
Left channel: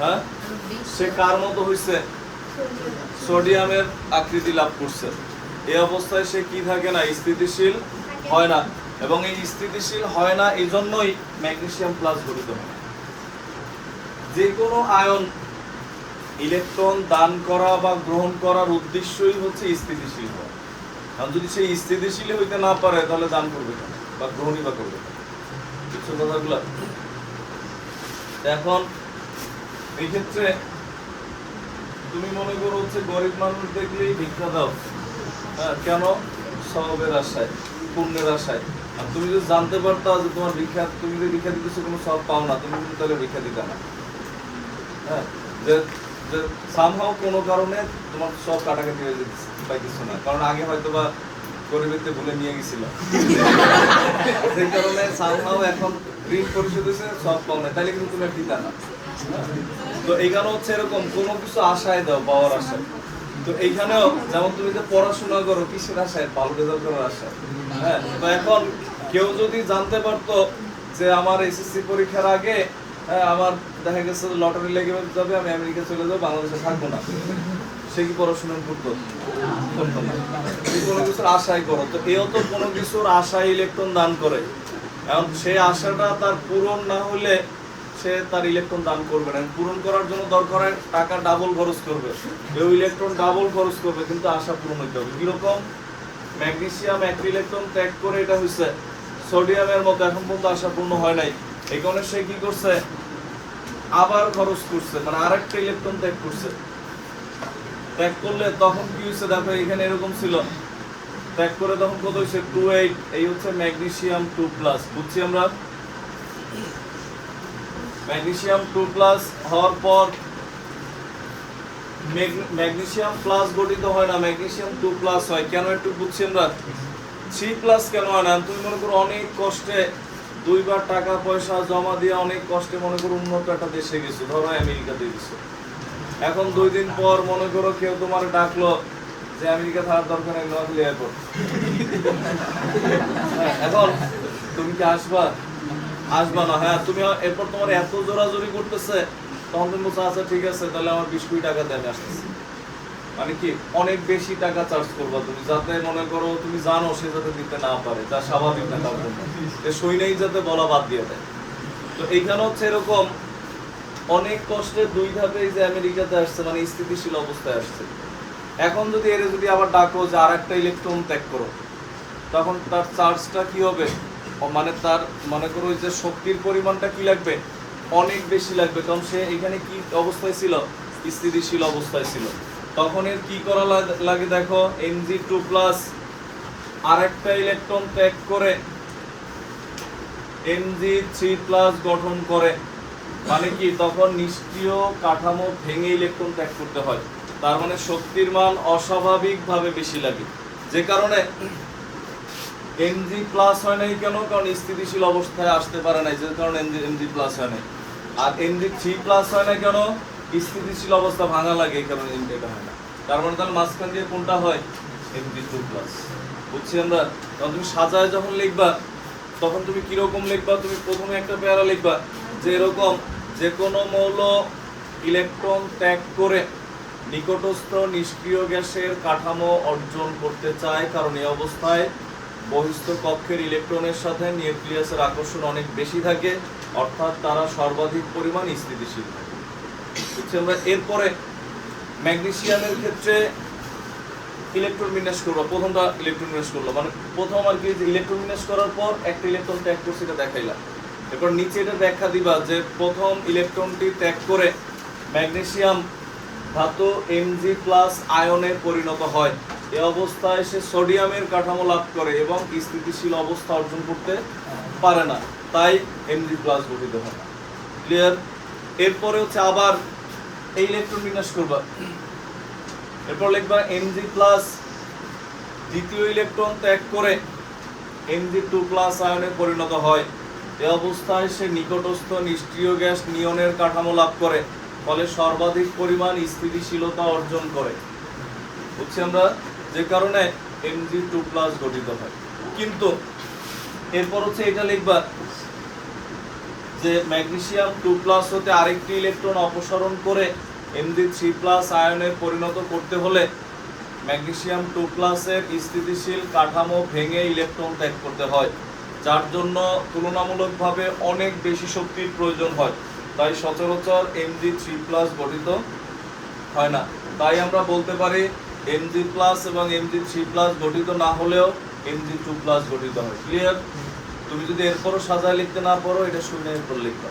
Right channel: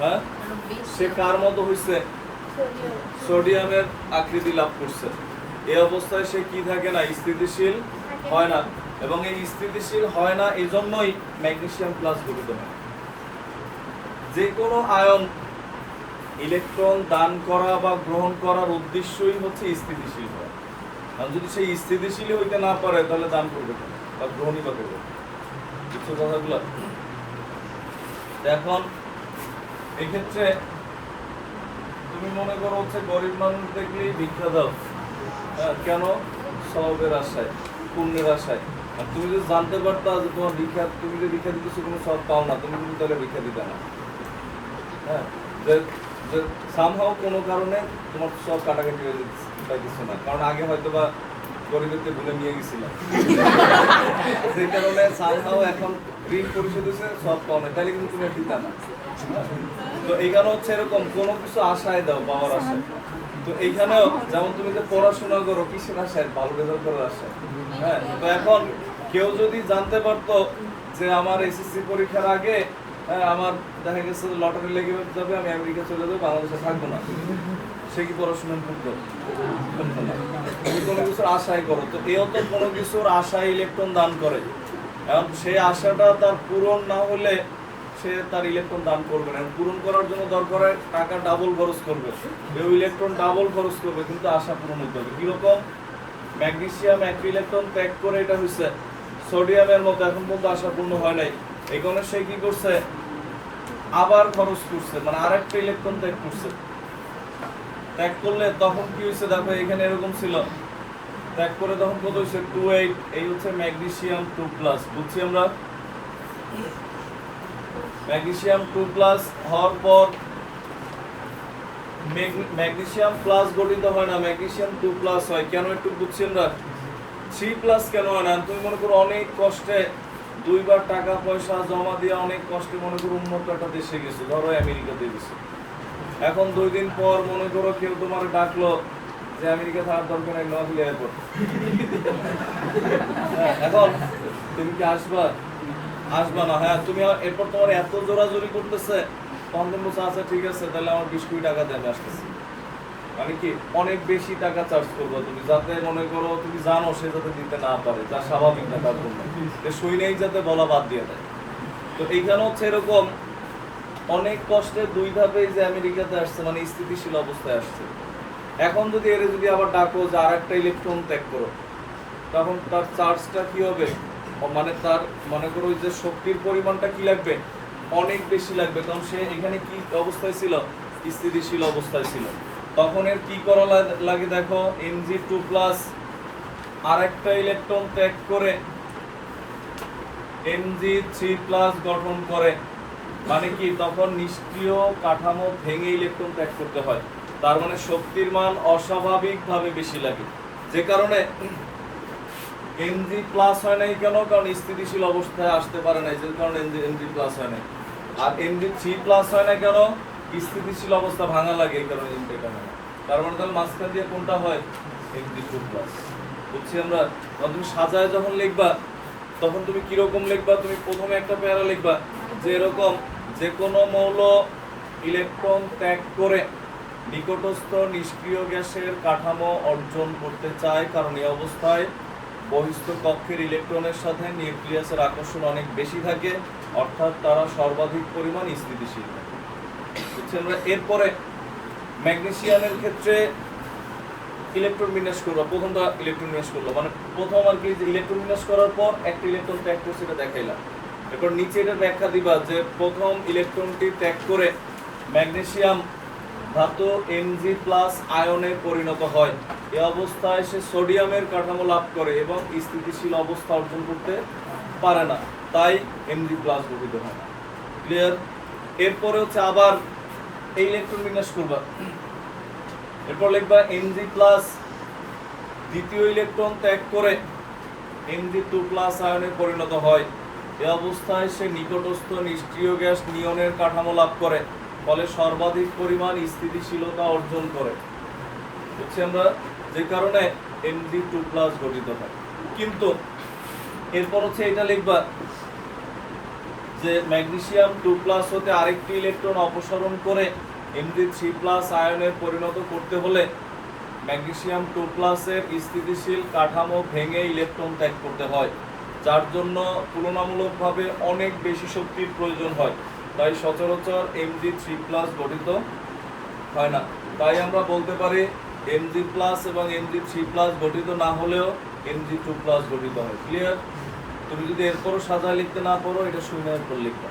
হ্যাঁ, সে কার মতো হইছে? সোডিয়ামের আকৃতি লাভ করছে। এই অবস্থায় সে কি থাকে না? স্থিতিশীল হয় না। এবং এই স্থিতিশীল হয় না এই জন্যই ম্যাগনেসিয়াম প্লাস গঠিত হয়। যে কোনো আয়ন ইলেকট্রন দান করা বা গ্রহণ করার উদ্দেশ্যই হচ্ছে স্থিতিশীল হয়। কারণ যদি সেই স্থিতিশীল হইতে না পারে তাহলে দান করবে কেন বা গ্রহণই বা করবে? কিছু কথাগুলো এখন এই ক্ষেত্রে তুমি মনে করো হচ্ছে গরিব মানুষ দেখলেই ভিক্ষা দাও। হ্যাঁ, কেন? সওয়াবের আশায়, পুণ্যের আশায়। আর তুমি যদি জানতে পারতা যে তোমার ভিক্ষা, তুমি যে ভিক্ষা দিতেছো কোনো সওয়াব পাও না, তুমি কিন্তু তাহলে ভিক্ষা দিতে না। হ্যাঁ, যে সামহাও কোনো কারণে তোমার সব কাটাকাটি হয়ে পাইতেছো না, কারণ আগে হয়তো বা গরিবেরতে ভুলে নিয়ে গেছিলাম, সেই কারণে সামহাও এখন ঋণ পরিশোধ হয়েছে, সব পাও না, তাহলে কিন্তু তুমি আর দিতা না। তো এইখানে হচ্ছে এরকম কোনো কিছু আশায় দাও, পাওয়ার আশায়। তো এইখানেও যেমন তুমি যে পড়াশোনা করো কিসের আশায়? ভালো রেজাল্ট করার আশায়। হ্যাঁ, তো এখন কেউ যদি জানতে পারতো যে আমার এসএসসি পরীক্ষার আগে আমার দেখা গেছে লটারি লেগে যাবে, আমি আমেরিকা চলে যাবো, বাংলাদেশে থাকবো না, সে কি পড়াশোনা করতো? করতো না। তুমি কোনো কিছুর আশায় করো, তো এও তো কোনো কিছুর আশায় ইলেকট্রন দান করে। এখন সেই আশাটা তার পূরণ না হলে সে তার ইলেকট্রন দান করবে না। পূরণ করার জন্য দরকার হয় টাকা ডাবল খরচ করবে, কেউ ইলেকট্রন ডাবল খরচ করবে, কিন্তু আশা পূরণ হইতে হবে। কিরকম? ম্যাগনেসিয়াম একটা ইলেকট্রন ত্যাগ করে, এটা হচ্ছে সোডিয়ামের মতো, এখন পর্যন্ত আশা পূর্ণ হয় নাই। এই কারণে সে কি করছে? আবার খরচ করছে, মানে আরেকটা ইলেকট্রন ত্যাগ করছে। ত্যাগ করলে তখন কি হয়েছে? দেখো এখানে এরকম ছিল, ত্যাগ করে তখন কত হয়েছে? 28। এই হচ্ছে ম্যাগনেসিয়াম 2+। বুঝছি আমরা? ম্যাগনেসিয়াম 2+ হওয়ার পর ম্যাগনেসিয়াম প্লাস গঠিত হয় না, ম্যাগনেসিয়াম 2+ হয়। কেন একটু বুঝছি আমরা? 3+ কেন হয় না? তুমি মনে করো অনেক কষ্টে 2 বার টাকা পয়সা জমা দিয়ে অনেক কষ্টে মনে করো উন্নত একটা দেশে গেছো, ধরো আমেরিকাতে গেছো। এখন 2 দিন পর মনে করো কেউ তোমার ডাকলো যে আমেরিকা থাকার দরকার নেই, নোয়াখালী এয়ারপোর্ট। হ্যাঁ, এখন তুমি কি আসবা? আসবা না। হ্যাঁ, তুমি এরপর তোমার এত জোরাজোরি করতেছে, তখন তুমি বলছো আচ্ছা ঠিক আছে, তাহলে আমার 20 কোটি টাকা দেন, আসতেছি। মানে কি অনেক বেশি টাকা চার্জ করবো তুমি, যাতে মনে করো তুমি জানো সে যাতে দিতে না পারে, যা স্বাভাবিক না তার জন্য, সই নাই যাতে বলা বাদ দিয়ে দেয়। তো এইখানে হচ্ছে এরকম অনেক কষ্টে 2 ধাপে যে আমেরিকাতে আসছে, মানে স্থিতিশীল অবস্থায় আসছে। এখন যদি এর যদি আবার ডাকো যে আর একটা ইলেকট্রন ত্যাগ করো, তখন তার চার্জটা কি হবে, মানে তার মনে করো ওই যে শক্তির পরিমাণটা কি লাগবে, অনেক বেশি লাগবে, কারণ সে এখানে কি অবস্থায় ছিল, স্থিতিশীল অবস্থায় ছিল। তখন এর কি করা লাগে দেখো, Mg2+ আর একটা ইলেকট্রন ত্যাগ করে Mg3+ গঠন করে, মানে কি তখন নিষ্ক্রিয় কাঠামো ভেঙে ইলেকট্রন ত্যাগ করতে হয়। তার মানে শক্তির মান অস্বাভাবিকভাবে বেশি লাগে, যে কারণে Mg+ হয় নাই কেন, কারণ স্থিতিশীল অবস্থায় আসতে পারে নাই, যে কারণে Mg+ হয় নাই। আর Mg3+ হয় না কেন, স্থিতিশীল অবস্থা ভাঙা লাগে, এই কারণে এটা হয় না। তার মানে তাহলে মাঝখান দিয়ে কোনটা হয়, Mg2+। বুঝছি আমরা? তখন তুমি সাজায় যখন লিখবা তখন তুমি কিরকম লিখবা, তুমি প্রথমে একটা প্যারা লিখবা যে এরকম যে কোনো মৌল ইলেকট্রন ত্যাগ করে নিকটস্থ নিষ্ক্রিয় গ্যাসের কাঠামো অর্জন করতে চায়, কারণ এই অবস্থায় বহিস্থ কক্ষের ইলেকট্রনের সাথে নিউক্লিয়াসের আকর্ষণ অনেক বেশি থাকে, অর্থাৎ তারা সর্বাধিক পরিমাণ স্থিতিশীল থাকে। বুঝছেন? এরপরে ম্যাগনেসিয়ামের ক্ষেত্রে ইলেকট্রন বিন্যাস করবো, প্রথমটা ইলেকট্রন বিন্যাস করলো, মানে প্রথম আর কি যে ইলেকট্রন বিন্যাস করার পর একটা ইলেকট্রন ত্যাগ করছে এটা দেখাইলাম। এরপর নিচে এটা ব্যাখ্যা দিবা যে প্রথম ইলেকট্রনটি ত্যাগ করে ম্যাগনেসিয়াম ধাতু Mg+ আয়নে পরিণত হয়, এই অবস্থায় সে সোডিয়ামের কাঠামো লাভ করে এবং স্থিতিশীল অবস্থা অর্জন করতে পারে না, তাই Mg+ গঠিত হয়। ক্লিয়ার? এরপরে হচ্ছে আবার এই ইলেকট্রন বিন্যাস করবা, এরপর লিখবা Mg+ দ্বিতীয় ইলেকট্রন ত্যাগ করে Mg2+ আয়নে পরিণত হয়, এই অবস্থায় সে নিকটস্থ নিষ্ক্রিয় গ্যাস নিয়নের কাঠামো লাভ করে, ফলে সর্বাধিক পরিমাণ স্থিতিশীলতা অর্জন করে। বুঝছি আমরা? যে কারণে Mg2+ গঠিত হয়। কিন্তু এরপর হচ্ছে এটা লিখবা যে ম্যাগনেসিয়াম 2+ হতে আরেকটি ইলেকট্রন অপসারণ করে Mg3+ আয়নে পরিণত করতে হলে ম্যাগনেসিয়াম 2+ এর স্থিতিশীল কাঠামো ভেঙে ইলেকট্রন ত্যাগ করতে হয়, যার জন্য তুলনামূলকভাবে অনেক বেশি শক্তির প্রয়োজন হয়, তাই সচরাচর Mg3+ গঠিত হয় না। তাই আমরা বলতে পারি Mg+ এবং Mg3+ গঠিত না হলেও Mg2+ গঠিত হয়। ক্লিয়ার? তুমি যদি এরপরও সাজায় লিখতে না পারো, এটা শুনে এরপর লিখবা,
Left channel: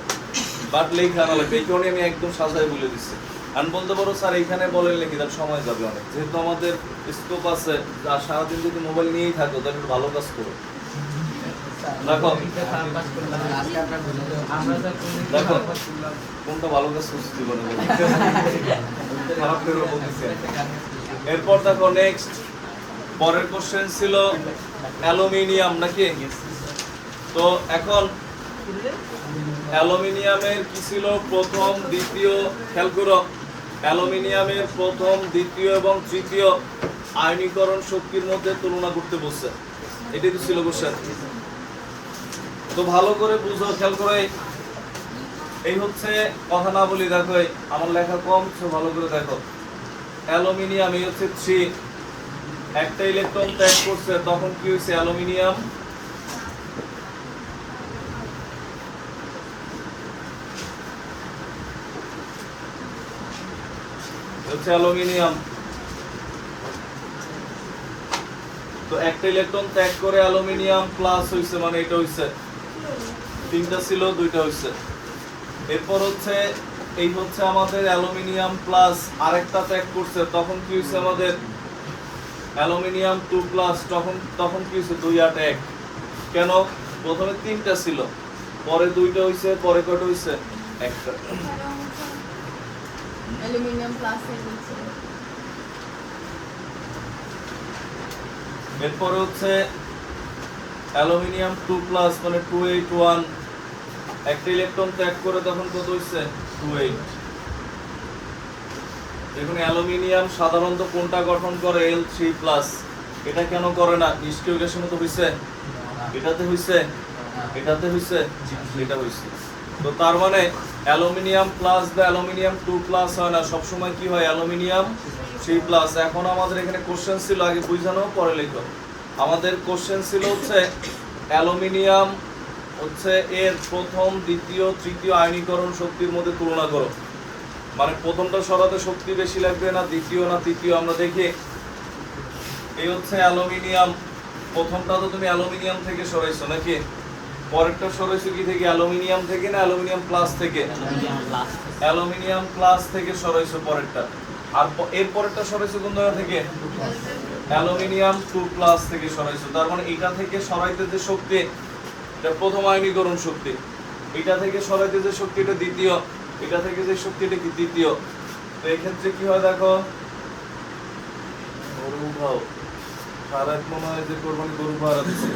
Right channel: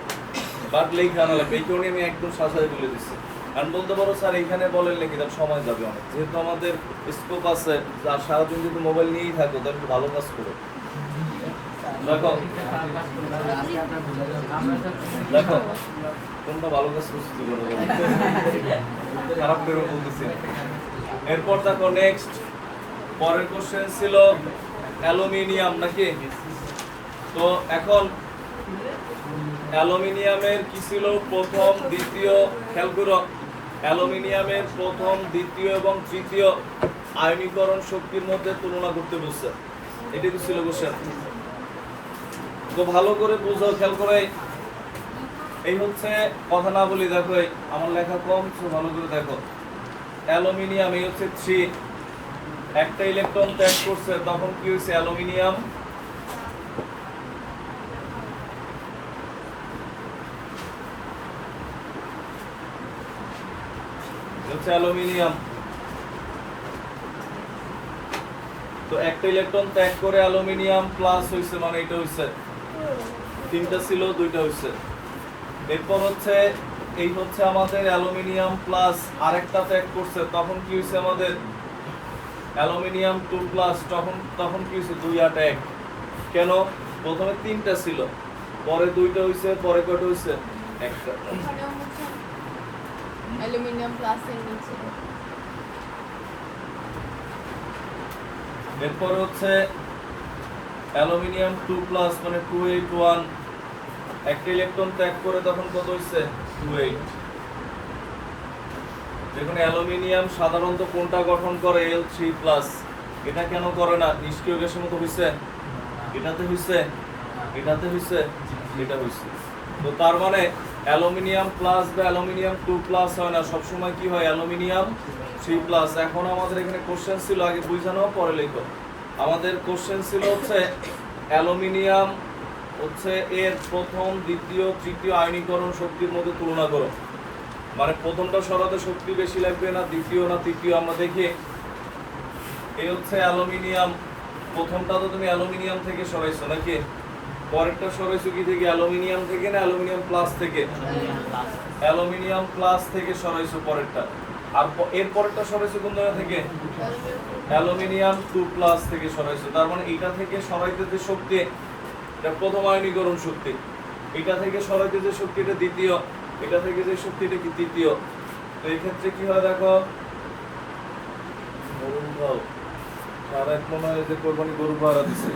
বাট লেখা না লাগবে, এই কারণে আমি একদম সাজায় বলে দিচ্ছি। আমি বলতে পারো স্যার এইখানে বলেন লিখি, তার সময় যাবে অনেক, যেহেতু আমাদের স্কোপ আছে, আর সারাদিন যদি মোবাইল নিয়েই থাকো তাহলে একটু ভালো কাজ করো। দেখো দেখো কোনটা ভালো কাজ করছি জীবনে, খারাপ করে বলতেছি। এরপর দেখো নেক্সট পরের কোশ্চেন ছিল অ্যালুমিনিয়াম নাকি? তো এখন অ্যালুমিনিয়ামের কি ছিল, প্রথম দ্বিতীয়, খেয়াল করো, অ্যালুমিনিয়ামের প্রথম দ্বিতীয় এবং তৃতীয় আয়নীকরণ শক্তির মধ্যে তুলনা করতে বলছে, এটাই তো ছিল কোশ্চেন। তো ভালো করে বুঝো, খেয়াল করে, এই হচ্ছে কথা না বলি, দেখো আমার লেখা কম, তো ভালো করে দেখো। অ্যালুমিনিয়াম এই হচ্ছে 3, একটা ইলেকট্রন ত্যাগ করছে, তখন কি হয়েছে, অ্যালুমিনিয়াম হচ্ছে অ্যালুমিনিয়াম, তো একটা ইলেকট্রন ত্যাগ করে অ্যালুমিনিয়াম প্লাস হইছে, মানে এটা হইছে 3টা ছিল 2টা হইছে। এরপর হচ্ছে এই হচ্ছে আমাদের অ্যালুমিনিয়াম প্লাস আরেকটা ত্যাগ করছে, তখন কি হইছে আমাদের অ্যালুমিনিয়াম 2+, তখন কি হইছে 2 আর 1। কেন? প্রথমে 3টা ছিল, পরে 2টা হইছে, পরে কয়টা হইছে, একটা। অ্যালুমিনিয়াম প্লাসের নিচে এরপর হচ্ছে অ্যালুমিনিয়াম 2+ মানে 281, একটা ইলেকট্রন ত্যাগ করে তখন কত হইছে, 28। দেখুন অ্যালুমিনিয়াম সাধারণত কোনটা গঠন করে, Al3+, এটা কেন করে না, নিষ্ক্রিয় গ্যাসের মতো হইছে, এটাতে হইছে, এটাতে হইছে, এটা হইছে। তো তার মানে অ্যালুমিনিয়াম প্লাস বা অ্যালুমিনিয়াম 2+ হয় না, সবসময় কি হয়, অ্যালুমিনিয়াম 3+। এখন আমাদের এখানে কোশ্চেন ছিল, আগে বুঝানো পরে লিখো। আমাদের কোশ্চেন ছিল হচ্ছে অ্যালুমিনিয়াম হচ্ছে এর প্রথম, দ্বিতীয়, তৃতীয় আয়নীকরণ শক্তির মধ্যে তুলনা করো। মানে প্রথমটা সরাতে শক্তি বেশি লাগবে না, দ্বিতীয় না তৃতীয়, আমরা দেখি। এই হচ্ছে অ্যালুমিনিয়াম, প্রথমটা তো তুমি অ্যালুমিনিয়াম থেকে সরাইছো নাকি? পরেরটা সরাইছো কি থেকে? অ্যালুমিনিয়াম থেকে না অ্যালুমিনিয়াম প্লাস থেকে? অ্যালুমিনিয়াম প্লাস থেকে সরাইছো পরেরটা। আর এর পরেরটা সরাইছো কোন জায়গা থেকে? অ্যালুমিনিয়াম 2+ থেকে সরাইছো। তার মানে এটা থেকে সরাইতে যে শক্তি, এটা প্রথম আয়নীকরণ শক্তি। এটা থেকে সরাইতে যে শক্তি, এটা দ্বিতীয়। এটা থেকে যে শক্তি, এটা কি তৃতীয়। তো এক্ষেত্রে কি হয় দেখো, গরু ভাও তার এক মনে হয় যে কোরবানি গরু ভাড়া দিচ্ছে।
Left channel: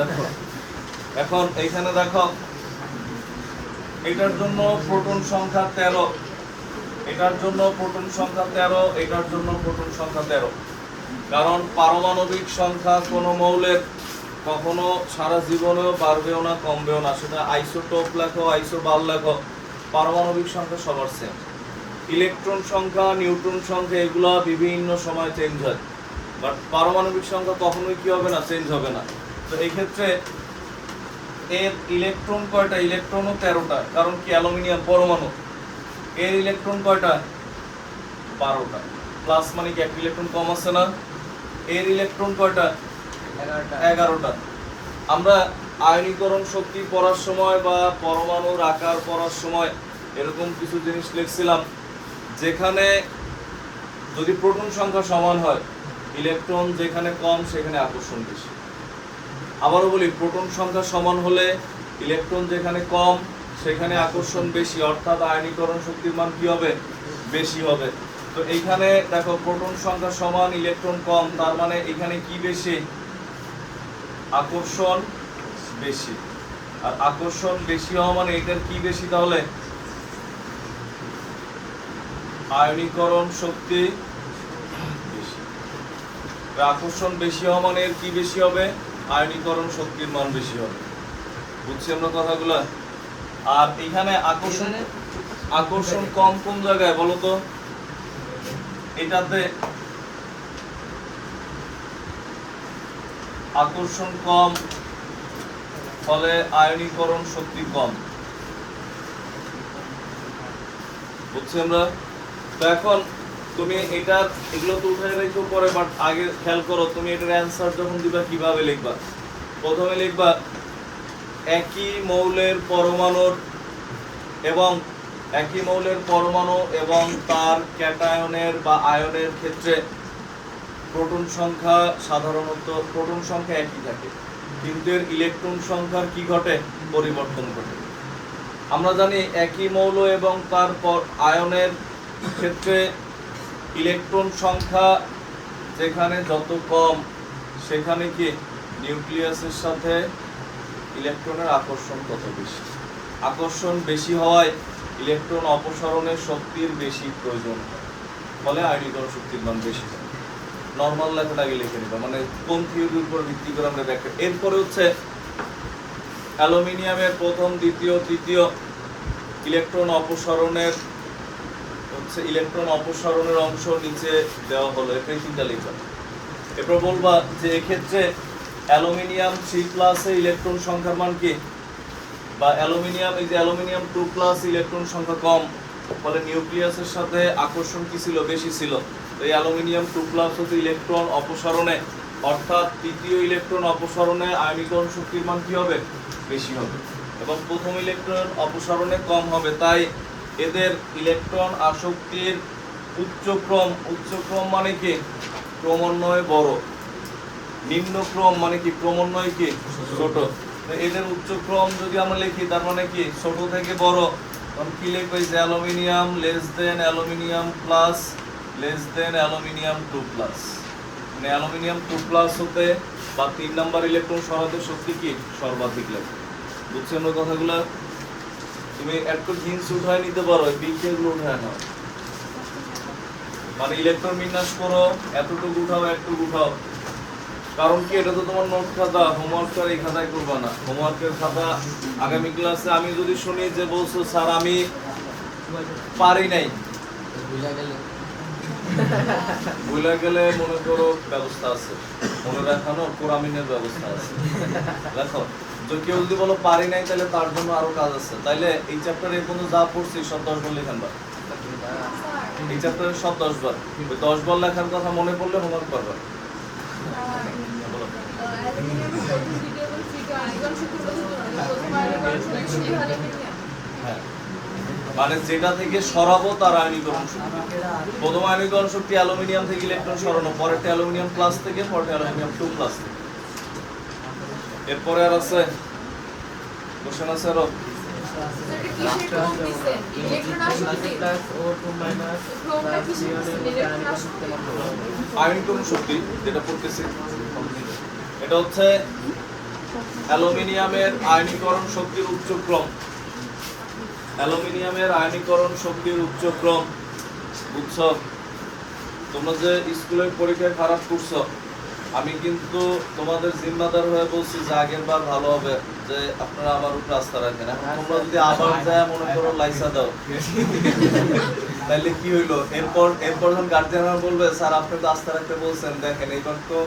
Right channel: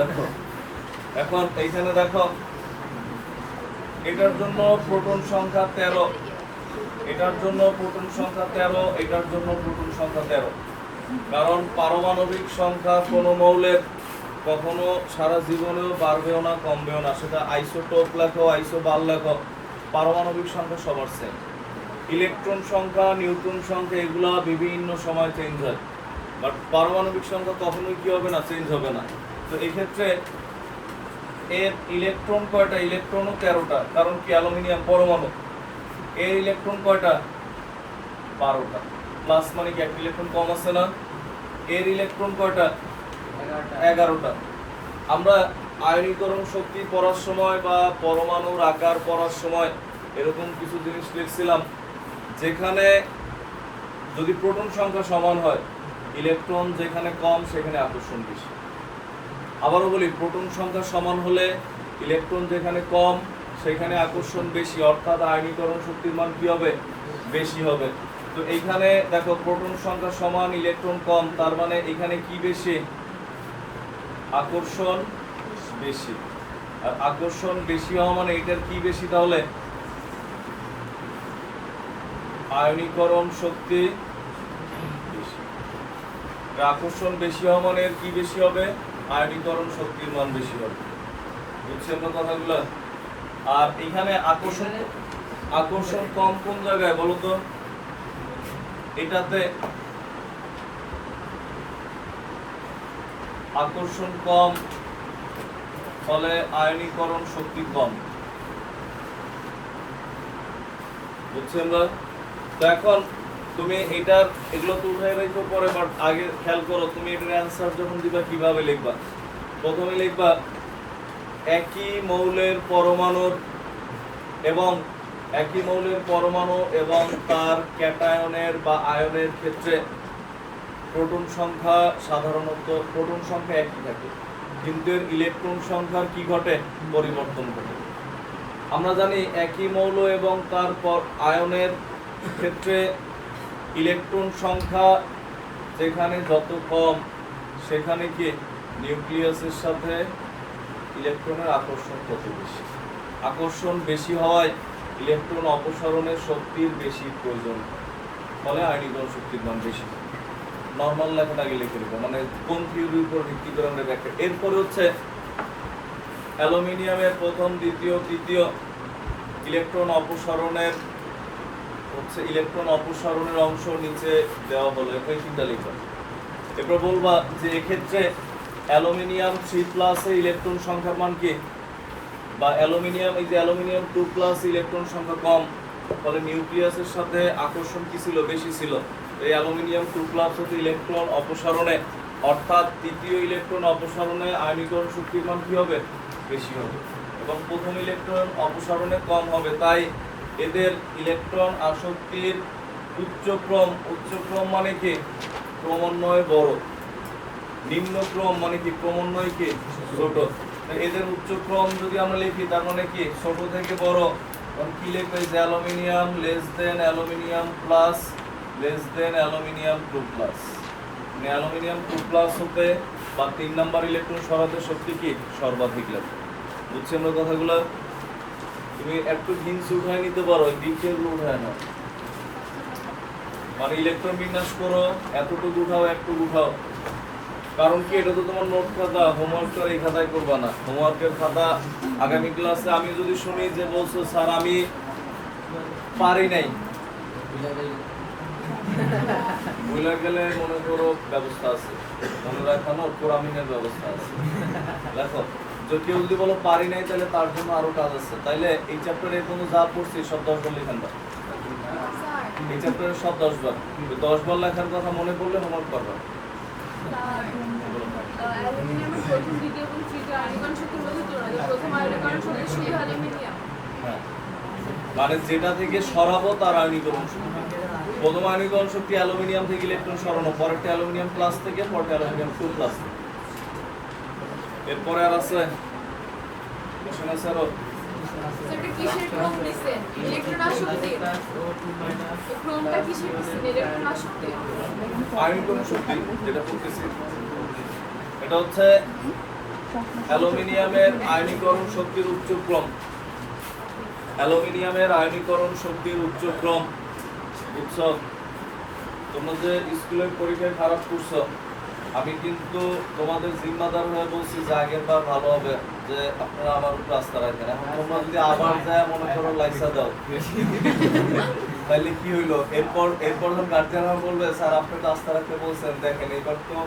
দেখো এখন এইখানে দেখো, এটার জন্য প্রোটন সংখ্যা 13, এটার জন্য প্রোটন সংখ্যা 13, এটার জন্য প্রোটন সংখ্যা 13। কারণ পারমাণবিক সংখ্যা কোনো মৌলের কখনো সারা জীবনেও বাড়বেও না, কমবেও না। সেটা আইসোটোপ লেখো, আইসোবার লেখো, পারমাণবিক সংখ্যা সবার সেম। ইলেকট্রন সংখ্যা, নিউট্রন সংখ্যা এগুলা বিভিন্ন সময় চেঞ্জ হয়, বাট পারমাণবিক সংখ্যা কখনোই কি হবে না, চেঞ্জ হবে না। তো এই ক্ষেত্রে এর ইলেকট্রন কয়টা? ইলেকট্রনও 13টা, কারণ কি অ্যালুমিনিয়াম পরমাণু। এর ইলেকট্রন কয়টা? 12টা। প্লাস মানে কি একটা ইলেকট্রন কম আছে না? এর ইলেকট্রন কয়টা? 11টা। আমরা আয়নীকরণ শক্তি পড়ার সময় বা পরমাণুর আকার পড়ার সময় এরকম কিছু জিনিস লিখছিলাম, যেখানে যদি প্রোটন সংখ্যা সমান হয়, ইলেকট্রন যেখানে কম সেখানে আকর্ষণ বেশি। আবারও বলি, প্রোটন সংখ্যা সমান হলে ইলেকট্রন যেখানে কম সেখানে আকর্ষণ বেশি, অর্থাৎ আয়নীকরণ শক্তির মান কি হবে? বেশি হবে। তো এইখানে দেখো, প্রোটন সংখ্যা সমান, ইলেকট্রন কম, তার মানে এখানে কি বেশি? আকর্ষণ বেশি। আর আকর্ষণ বেশি হওয়া মানে এটার কি বেশি? তাহলে আয়নীকরণ শক্তি বেশি। আকর্ষণ বেশি হওয়া মানে এর কি বেশি হবে? আয়নীকরণ শক্তির মান বেশি হবে। বুঝছি আমরা কথাগুলো? আর এখানে আকর্ষণ কম কোন জায়গায় বলো তো? এটাতে আকর্ষণ কম, ফলে আয়নীকরণ শক্তি কম। বুঝছি আমরা? তো এখন তুমি এটার এগুলো তো উঠে রেখো পরে, বাট আগে খেয়াল করো, তুমি এটার অ্যান্সার যখন দিবা কিভাবে লিখবা। প্রথমে লিখবা একই মৌলের পরমাণুর এবং তার ক্যাটায়নের বা আয়নের ক্ষেত্রে প্রোটন সংখ্যা সাধারণত প্রোটন সংখ্যা একই থাকে, কিন্তু এর ইলেকট্রন সংখ্যার কি ঘটে? পরিবর্তন ঘটে। আমরা জানি একই মৌল এবং তার আয়নের ক্ষেত্রে ইলেকট্রন সংখ্যা যেখানে যত কম, সেখানে কি নিউক্লিয়াসের সাথে ইলেকট্রনের আকর্ষণ তত বেশি। আকর্ষণ বেশি হওয়ায় ইলেকট্রন অপসারণের শক্তির বেশি প্রয়োজন হয়, ফলে আয়নীকরণ শক্তির মান বেশি হয়। নর্মাল লেখাটা আগে লিখে নিবা, মানে কোন থিওরির উপর ভিত্তি করে আমরা ব্যাখ্যা। এরপরে হচ্ছে অ্যালুমিনিয়ামের প্রথম, দ্বিতীয়, তৃতীয় ইলেকট্রন অপসারণের অংশ নিচে দেওয়া হলো, এটাই চিন্তা লিখবা। এরপর বলবা যে এক্ষেত্রে অ্যালুমিনিয়াম 3+ এ ইলেকট্রন সংখ্যার মান কি? বা অ্যালুমিনিয়াম 2+ ইলেকট্রন সংখ্যা কম, ফলে নিউক্লিয়াসের সাথে আকর্ষণ কি ছিল? বেশি ছিল। এই অ্যালুমিনিয়াম 2+ হতে ইলেকট্রন অপসারণে, অর্থাৎ তৃতীয় ইলেকট্রন অপসারণে আয়নীকরণ শক্তির মান কি হবে? বেশি হবে, এবং প্রথম ইলেকট্রন অপসারণে কম হবে। তাই এদের ইলেকট্রন আসক্তির উচ্চক্রম মানে কি? ক্রমান্বয়ে বড়। নিম্নক্রম মানে কি? ক্রমান্বয়ে কি? ছোট। এদের উচ্চক্রম যদি আমরা লিখি, তার মানে কি? ছোট থেকে বড়। তখন কি লিখবো? Aluminium less than aluminium plus less than aluminium 2+। মানে অ্যালুমিনিয়াম 2+ হতে বা 3 নাম্বার ইলেকট্রন সরাতে শক্তি কি? সর্বাধিক লাগে। বুঝছি আমরা কথাগুলো? তুমি একটু হিন্টস উঠায় নিতে পারো, বিক্রিয়াগুলো উঠায় নাও। মানে ইলেকট্রন বিন্যাস করো, এতটুকু উঠাও, একটুকু উঠাও। কারণ কি, এটা তো তোমার নোট খাতা, হোমওয়ার্ক আর এই খাতায় করবা না। হোমওয়ার্কের খাতা আগামী ক্লাসে আমি যদি শুনি যে বলছো স্যার আমি পারি নাই, বইলা গেলে মনে করো ব্যবস্থা আছে, মনে রাখানোর কোরামিনের ব্যবস্থা আছে। দেখো যে কেউ যদি বলো পারি নাই, তাহলে তার জন্য আরো কাজ আছে। তাইলে এই চ্যাপ্টারে পর্যন্ত যা পড়ছি সব 10 বার লেখানবা। এই চ্যাপ্টারে সব 10 বার, ওই 10 বার লেখার কথা মনে পড়লে হোমওয়ার্ক করবা। হ্যাঁ, মানে যেটা থেকে সরাবো তার আয়নীকরণ শক্তি। প্রথম আয়নীকরণ শক্তি অ্যালুমিনিয়াম থেকে ইলেকট্রন সরানো, পরেরটা অ্যালুমিনিয়াম প্লাস থেকে, পরেরটা অ্যালুমিনিয়াম 2 প্লাস থেকে। এরপরে আর আছে কোশ্চেন আছে আরো। আয়নীকরণ শক্তি যেটা পড়তেছি, এটা হচ্ছে অ্যালুমিনিয়ামের আয়নীকরণ শক্তির উচ্চক্রম। অ্যালুমিনিয়ামের আয়নীকরণ শক্তির উচ্চক্রম বুঝছো? তোমরা যে স্কুলের পরীক্ষায় খারাপ করছো, আমি কিন্তু তোমাদের জিম্মাদার হয়ে বলছি যে আগের বার ভালো হবে, যে আপনারা আমার উপর আস্থা রাখবেন। এখন তোমরা যদি আবার যায় মনে করো লাইসা দাও, তাহলে কি হইলো? এরপর যখন গার্জিয়ানরা বলবে স্যার আপনি তো আস্থা রাখতে বলছেন, দেখেন এবার তো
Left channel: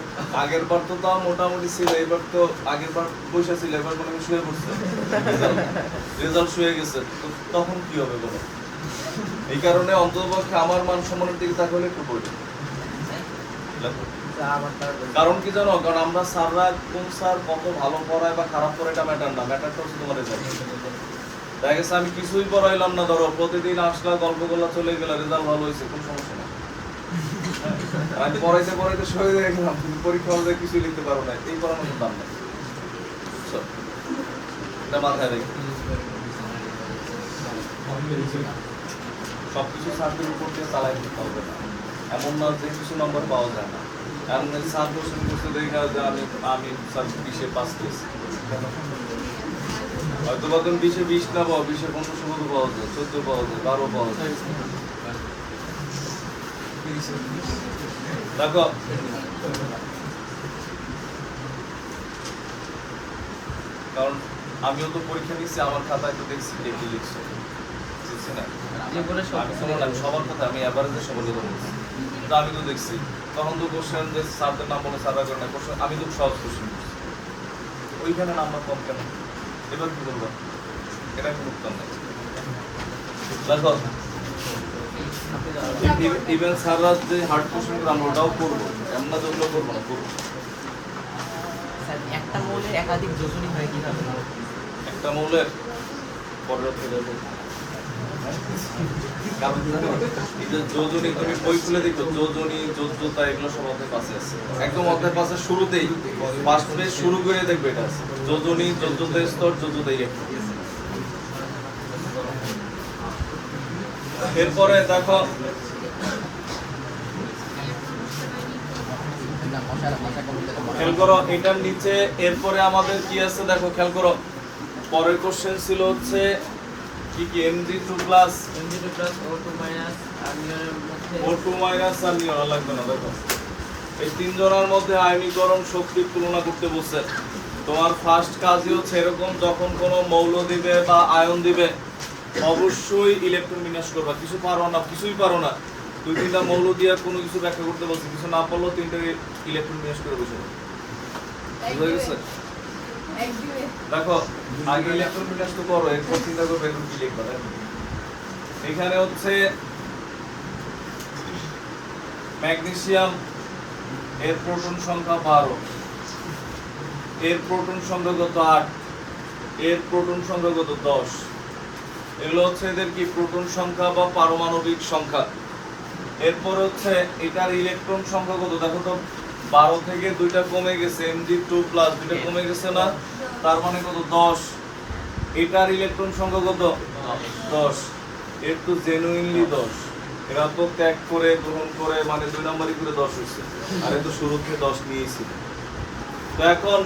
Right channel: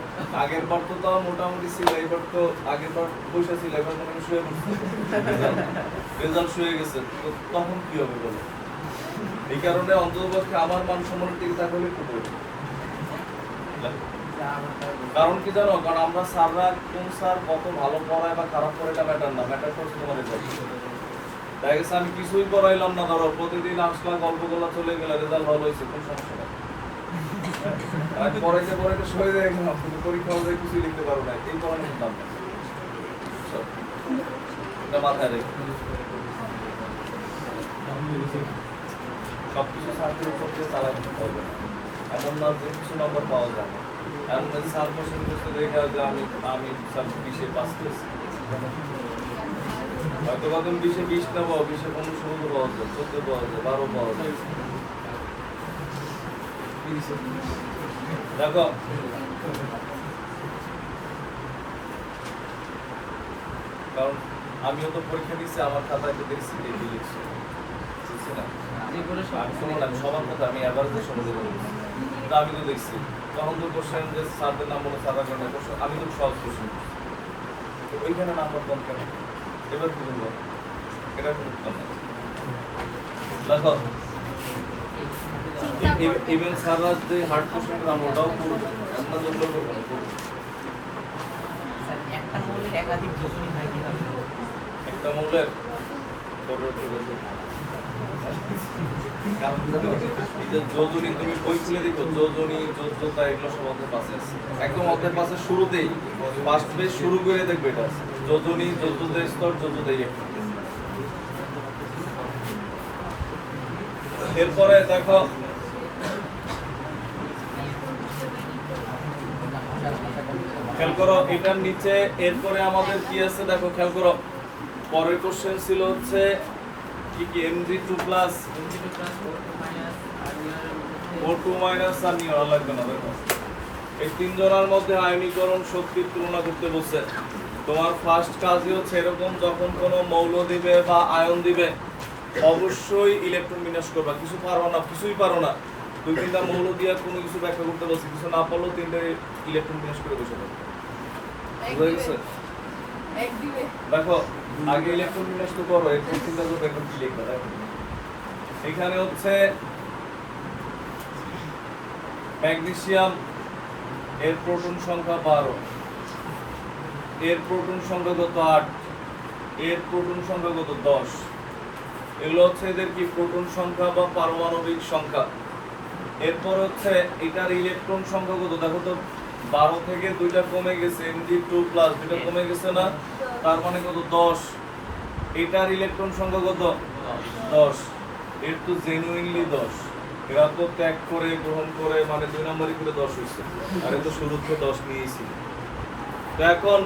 আগের বার তো তাও মোটামুটি ছিল, এবার তো আগের বার পয়সা ছিল, এবার কোনো শুয়ে পড়ছে, রেজাল্ট শুয়ে গেছে, তো তখন কি হবে বলো? এই কারণে অন্ততপক্ষে আমার মান সম্মানের দিকে তাকালে একটু পড়বে। কারণ কি জানো? কারণ আমরা স্যাররা কোন স্যার কত ভালো পড়ায় বা খারাপ পড়ায় এটা ম্যাটার না, ম্যাটার করছে তোমার রেজাল্ট। তাই গেছে আমি কিছুই পড়াইলাম না, ধরো প্রতিদিন আসলা গল্প করলা চলে গেল, রেজাল্ট ভালো হয়েছে, কোনো সমস্যা নাই। আমি পড়াইতে পড়াইতে সরে যাই গেলাম, কিন্তু পরীক্ষা হলে কিছুই লিখতে পারো না, এই পড়ানোর দাম নেই। এটা মাথায় রেখে সবকিছু স্যারদের উপর দিয়ে চালাই দিতে হবে না, এমন না যে কিছু নম্বর পাওয়া যায় না। এমন স্যার কোশ্চেন করতে দেখা যে আমি স্যার 20-এ পাস করেছি, হয়তো বা তুমি 20-এ 20 না পাও, 20-এ 15-16 পাওয়া যায়, 14 পাওয়া যায়, 12 পাওয়া যায়। দেখো কারণ আমিও তো পরীক্ষা দিচ্ছি, আমার খাতায় তো দেখছি কে কি লিখছে, বুঝছি না? আমি শুনলাম সবার কথা, আমি অ্যাভারেজের সবাই দিলাম, তো আমি তো দেখছি তখন তো কোশ্চেন যে স্যারদের নাম বলে স্যাররা করে না কোশ্চেন, আমি তো সহজ কোশ্চেন করছি, তো ওইখানে নাম্বার কম কেন? এবার কি বলবো? এটা কোনো উত্তর নেই। দেখো ইভেন স্যাররা যে হার্ড কোশ্চেন আমরা ওটাও করবো, আমরা যেগুলো করবো না করবো। একটা মৌলের একাধিক যোজনী হয় কিভাবে? একটা মৌলের পর্যাপ্ত যোজনী, কারণ এই যে যোজনী তুমি বই খুলে দেখো, যোজনী যোজ্যতা এগুলো সব অধ্যায় পাশে আছে, একদম অধ্যায় পাশে শুরুতেই ফার্স্ট পেজ শুরু করে দেখবে এটা আছে, যোজনী যোজ্যতা স্তর যোজ্যতা ইলেকট্রন। এরপরে দেখো খেয়াল করো এটার নিচে, এরপরে আমাদের কি আছে দেখো খেয়াল করো, পরের কোশ্চেন ছিল হচ্ছে কি কি Mg2 প্লাস O2 মাইনাস আর নিয়ন লাগবে না। দেখো এই তিন জনের মধ্যে আয়নীকরণ শক্তির তুলনা করতে বলছে। তোমার ফার্স্ট কাজই হচ্ছে এরকম যখন কোনো মৌল দিবে বা আয়ন দিবে অবশ্যই ইলেকট্রন বিন্যাস করবা। কিছু পারো না, কিছুই পারো না, দুই তিনটা মৌল দিয়ে কোনো কিছু ব্যাখ্যা করতে বলছি, কিছু না পারলেও তিনটে ইলেকট্রন বিন্যাস করে বসে যাবে। বুঝা গেছে? দেখো আগে ইলেকট্রন বিন্যাস তো করো, এরপর চিন্তা করবে এখন কি লিখবা। দেখো এখানে হচ্ছে ম্যাগনেসিয়াম, এর প্রোটন সংখ্যা 12, এর প্রোটন সংখ্যা কত 8, এর প্রোটন সংখ্যা কত 10। এগুলো হচ্ছে এদের কি প্রোটন সংখ্যা বা পারমাণবিক সংখ্যা। এরপর হচ্ছে এটার ইলেকট্রন সংখ্যা কত, দেখো তো 12 থেকে দুইটা কমে গেছে, Mg2 প্লাস দুইটা কমে গেছে না, তার মানে কত 10। এটার ইলেকট্রন সংখ্যা কত 10, এর তো জেনুইনলি 10, এরা তো ত্যাগ করে গ্রহণ করে মানে 2 নাম্বারই করে 10 হয়েছে, আর এই তো শুরু থেকে 10 নিয়েছিল। তো এখন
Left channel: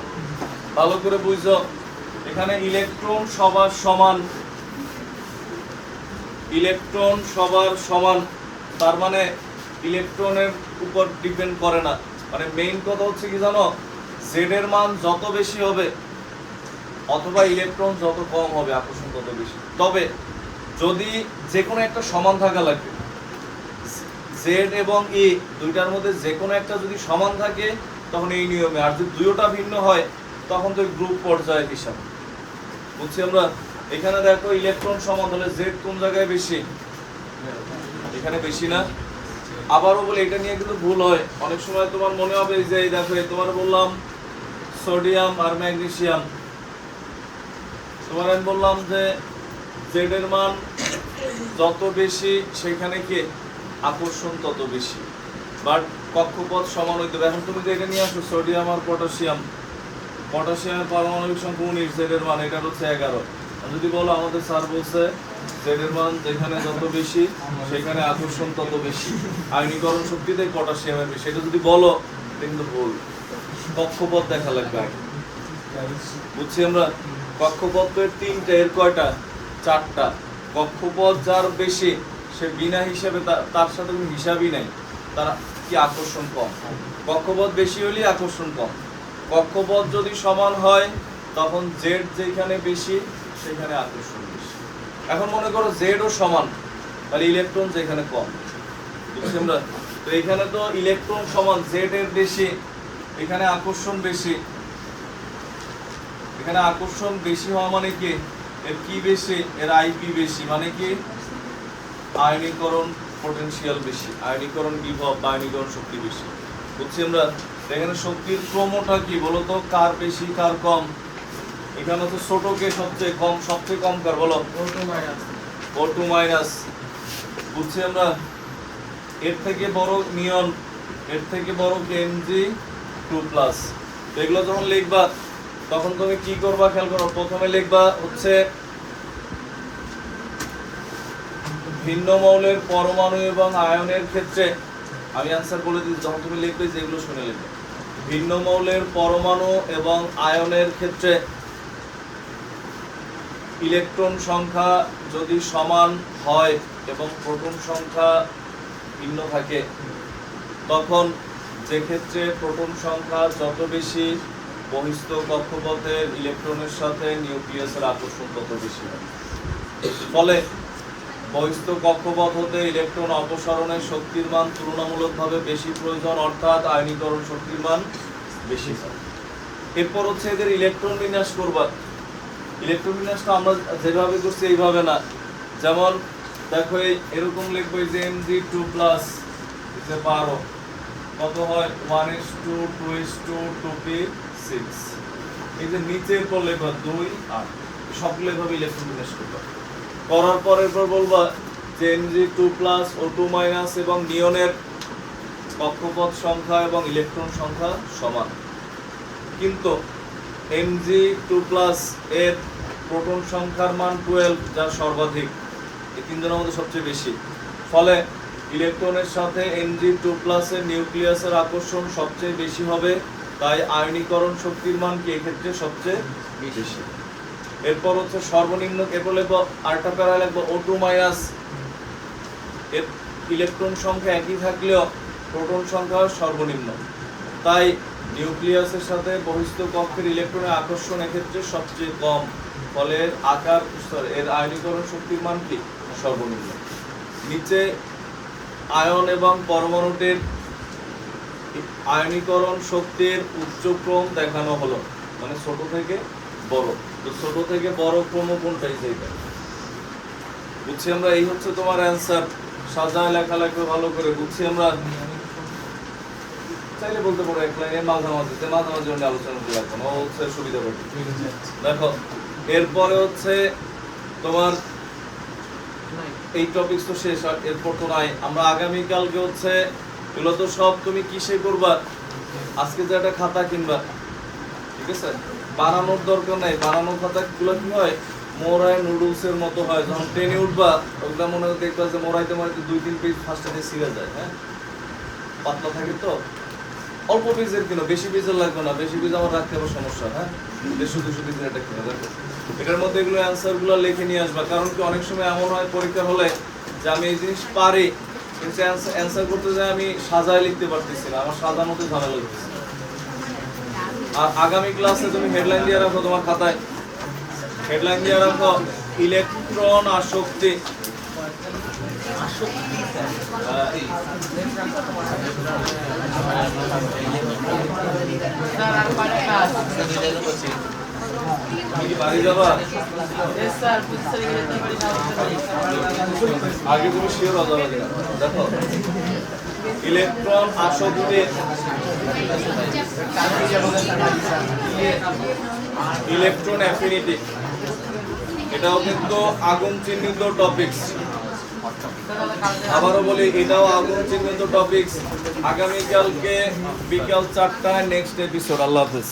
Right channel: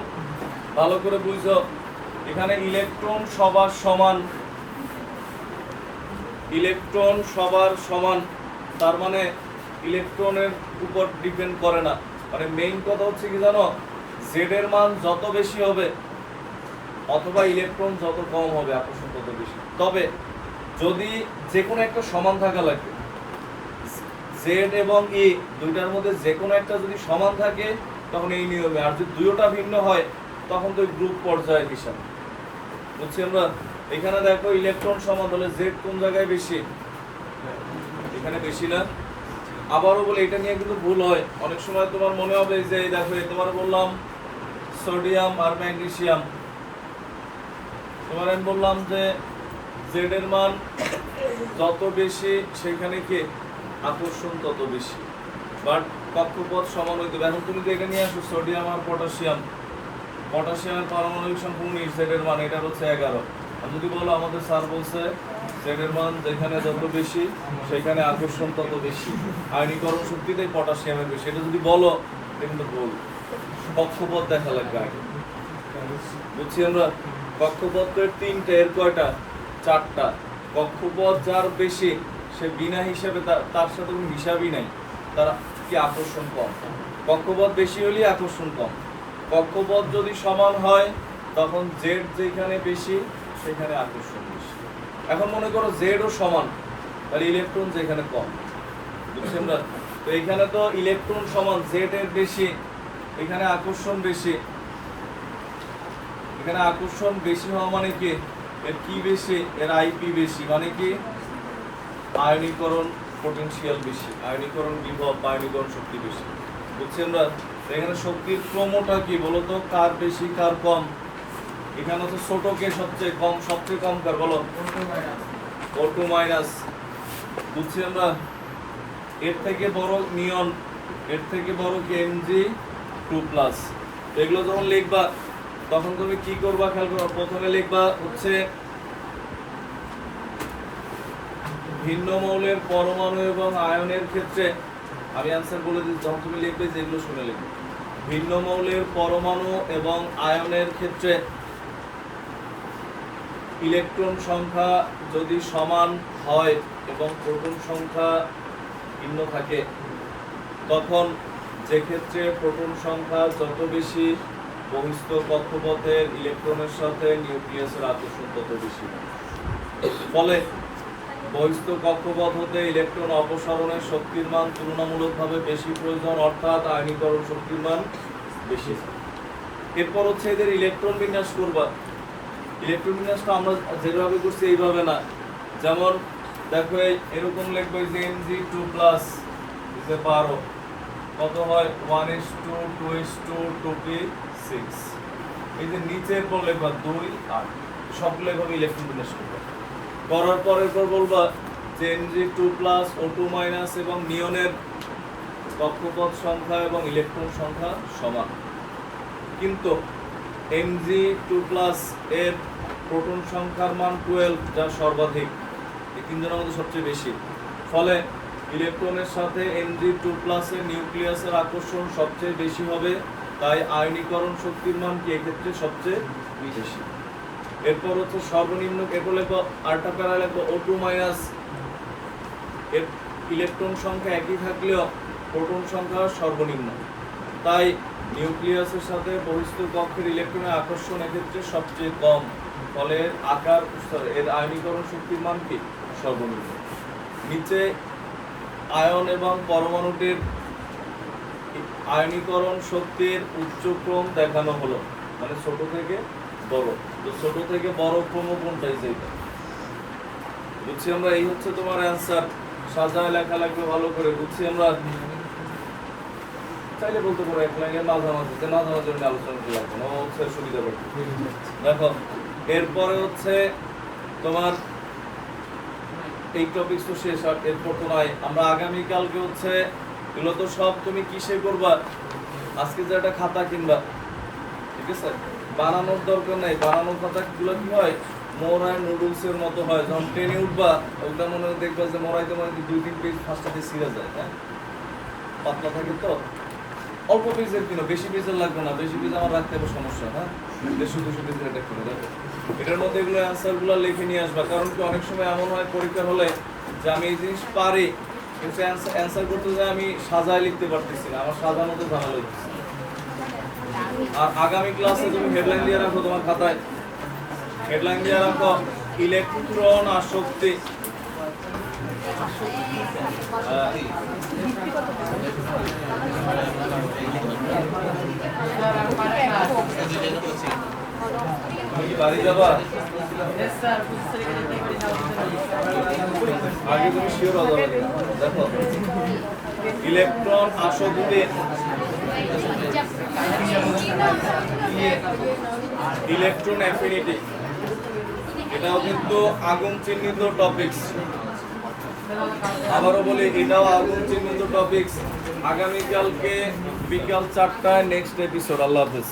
ভালো করে বুঝো, এখানে ইলেকট্রন সবার সমান, ইলেকট্রন সবার সমান, তার মানে ইলেকট্রনের উপর ডিপেন্ড করে না। মানে মেইন কথা হচ্ছে কি জানো, জেড এর মান যত বেশি হবে অথবা ইলেকট্রন যত কম হবে আকর্ষণ তত বেশি। তবে যদি যে কোনো একটা সমান থাকা লাগবে, জেড এবং ই দুইটার মধ্যে যে কোনো একটা যদি সমান থাকে তখন এই নিয়মে, আর যদি দুইটা ভিন্ন হয় তখন তো গ্রুপ পর্যায়ে হিসাব। বুঝছি আমরা? এখানে দেখো ইলেকট্রন সমান হলে জেড কোন জায়গায় বেশি? এখানে বেশি না? আবারও বলে এটা নিয়ে কিন্তু ভুল হয় অনেক সময়। তোমার মনে হবে যে এই দেখো তোমার বললাম সোডিয়াম আর ম্যাগনেসিয়াম, তোমার আমি বললাম যে জেড এর মান যত বেশি সেখানে কি আকর্ষণ তত বেশি, বাট কক্ষপথ সমান হইতে হবে। এখন তুমি যে এটা নিয়ে আসো সোডিয়াম আর পটাশিয়াম, পটাশিয়ামের পারমাণবিক সংখ্যা 19, জেড এর মান এটা হচ্ছে 11। আর যদি বলো আমাদের স্যার বলছে জেড এর মান যেখানে যত বেশি সেখানে আকর্ষণ তত বেশি, আয়নীকরণ শক্তিতে পটাশিয়ামের বেশি, এটা যদি বলো এটা কিন্তু ভুল। কক্ষপথ দেখা লাগবে আগে। বুঝছি আমরা? কক্ষপথ তো তিনটে, এর কয়টা? চারটা। কক্ষপথ যার বেশি সে বিনা হিসাবে তার সাথে কোনো হিসাবই নাই, তার কি আকর্ষণ কম। কক্ষপথ বেশি হলে আকর্ষণ কম। কক্ষপথ যদি সমান হয় তখন জেড যেখানে বেশি সেখানে আকর্ষণ বেশি। এখন মনে করো জেড ও সমান, তাহলে ইলেকট্রন যেখানে কম। বুঝছি আমরা? তো এখানে তো ইলেকট্রন সমান, জেড এর বেশি, এখানে আকর্ষণ বেশি। এখানে আকর্ষণ বেশি হওয়া মানে কি এর কি বেশি? এর আইপি বেশি, মানে কি আয়নীকরণ পটেনশিয়াল বেশি, আয়নীকরণ বিভব বা আয়নীকরণ শক্তি বেশি। বুঝছি আমরা? এখানে শক্তির ক্রমটা কি বলতো, কার বেশি কার কম? এখানে তো ছোট কে সবচেয়ে কম, সবচেয়ে কম কার বলো? O2 minus. বুঝছি আমরা? এর থেকে বড় নিয়ন, এর থেকে বড় কে Mg2+। এগুলো যখন লিখবা তখন তুমি কি করবা খেয়াল করো। প্রথমে লিখবা হচ্ছে ভিন্ন মৌলের পরমাণু এবং আয়নের ক্ষেত্রে, আমি অ্যান্সার বলে দিই, যখন তুমি লিখবে যেগুলো শুনে লিখবে। ভিন্ন মৌলের পরমাণু এবং আয়নের ক্ষেত্রে ইলেকট্রন সংখ্যা যদি সমান হয় এবং প্রোটন সংখ্যা ভিন্ন থাকে, তখন যে ক্ষেত্রে প্রোটন সংখ্যা যত বেশি বহিস্থ কক্ষপথের ইলেকট্রনের সাথে নিউক্লিয়াসের আকর্ষণ তত বেশি। ফলে বহিস্থ কক্ষপথ হতে ইলেকট্রন অপসারণের শক্তির মান তুলনামূলকভাবে বেশি প্রয়োজন, অর্থাৎ আয়নীকরণ শক্তির মান বেশি হয়। এরপর হচ্ছে এদের ইলেকট্রন বিন্যাস করবা। ইলেকট্রন বিন্যাসটা আমরা যেভাবে করছি এইভাবে না। যেমন দেখো এরকম লিখবো যে Mg2+, 12 কত হয় 1:2, 2:2, 2p6। এই যে নিচের পর লেখবা 2, 8, সবগুলো এভাবে ইলেকট্রন বিন্যাস করবা। করার পরের পর বলবা যে Mg2+, O2- এবং নিয়নের কক্ষপথ সংখ্যা এবং ইলেকট্রন সংখ্যা সমান, কিন্তু Mg2+ এর প্রোটন সংখ্যার মান 12, যা সর্বাধিক, এই তিনজনের মধ্যে সবচেয়ে বেশি। ফলে ইলেকট্রনের সাথে Mg2+ এর নিউক্লিয়াসের আকর্ষণ সবচেয়ে বেশি হবে, তাই আয়নীকরণ শক্তির মান কি এক্ষেত্রে সবচেয়ে বেশি। এরপর হচ্ছে সর্বনিম্ন, এরপর লিখবো আরেকটা প্যারা লিখবো O2-, এর ইলেকট্রন সংখ্যা একই থাকলেও প্রোটন সংখ্যা সর্বনিম্ন, তাই নিউক্লিয়াসের সাথে বহিস্থ কক্ষের ইলেকট্রনের আকর্ষণ এক্ষেত্রে সবচেয়ে কম, ফলে এর আয়নীকরণ শক্তির মান কি সর্বনিম্ন। নিচে আয়ন এবং পরমাণুটির আয়নীকরণ শক্তির উচ্চক্রম দেখানো হলো, মানে ছোট থেকে বড়। তো ছোট থেকে বড় ক্রম কোনটাই সেইটা। বুঝছি আমরা? এই হচ্ছে তোমার অ্যান্সার। সাজায় লেখা লাগবে ভালো করে। বুঝছি আমরা? চাইলে বলতে পারো এক লাইনে মাঝামাঝি, যে মাঝামাঝি অন্য আলোচনা করতে লাগবে না, ও হচ্ছে সুবিধা পাবে। দেখো এরপরে হচ্ছে তোমার এই টপিক তো শেষ, আর এরপর তো নাই। আমরা আগামীকালকে হচ্ছে এগুলো তো সব তুমি কিসে করবা, আজকে যে একটা খাতা কিনবা, ঠিক আছে, বানানোর দরকার নাই। বানানোর খাতাগুলো কি হয়, মোরাই নুডলসের মতো হয়। যখন ট্রেনে উঠবা ওগুলা মনে হয় দেখবা যে মোরাইতে মোরাইতে 2-3 পেজ ফার্স্টে ছিঁড়ে যায়। হ্যাঁ, পাতলা থাকে তো। অল্প পেজের কিনো, বেশি পেজের লাগবে না। বেশি পেজ আমার রাখতে হবে সমস্যা। হ্যাঁ, 150-200 পেজের একটা কিনো। দেখো এটার মধ্যে এগুলো অ্যান্সারগুলো লিখে নিয়ে আসবা। কারণ কি অনেক সময় এমন হয় পরীক্ষা হলে যে আমি এই জিনিস পারি, কিন্তু অ্যান্সার করতে যাই আমি সাজায় লিখতে পারতেছি না, আমার সাজানো তো ঝামেলা লাগতেছে। আর আগামী ক্লাসে তুমি হেডলাইন দিয়ে রাখো তোমার খাতায়, হেডলাইন দিয়ে রাখো ইলেকট্রন আসক্তি। হ্যাঁ। তুমি কি বাড়ি যাবা? আগে তুমি শিওর হয়ে যাবে কিনা দেখো। ইলেকট্রন আসক্তি, ইলেকট্রন অ্যাফিনিটি, এটাও কিন্তু আগুন চিহ্নিত টপিকস। আবারও বলি, এটাও আগুন চিহ্নিত টপিকস। আগামীকালকে বিকাল 4টায় নেক্সট এপিসোড। আল্লাহ হাফেজ।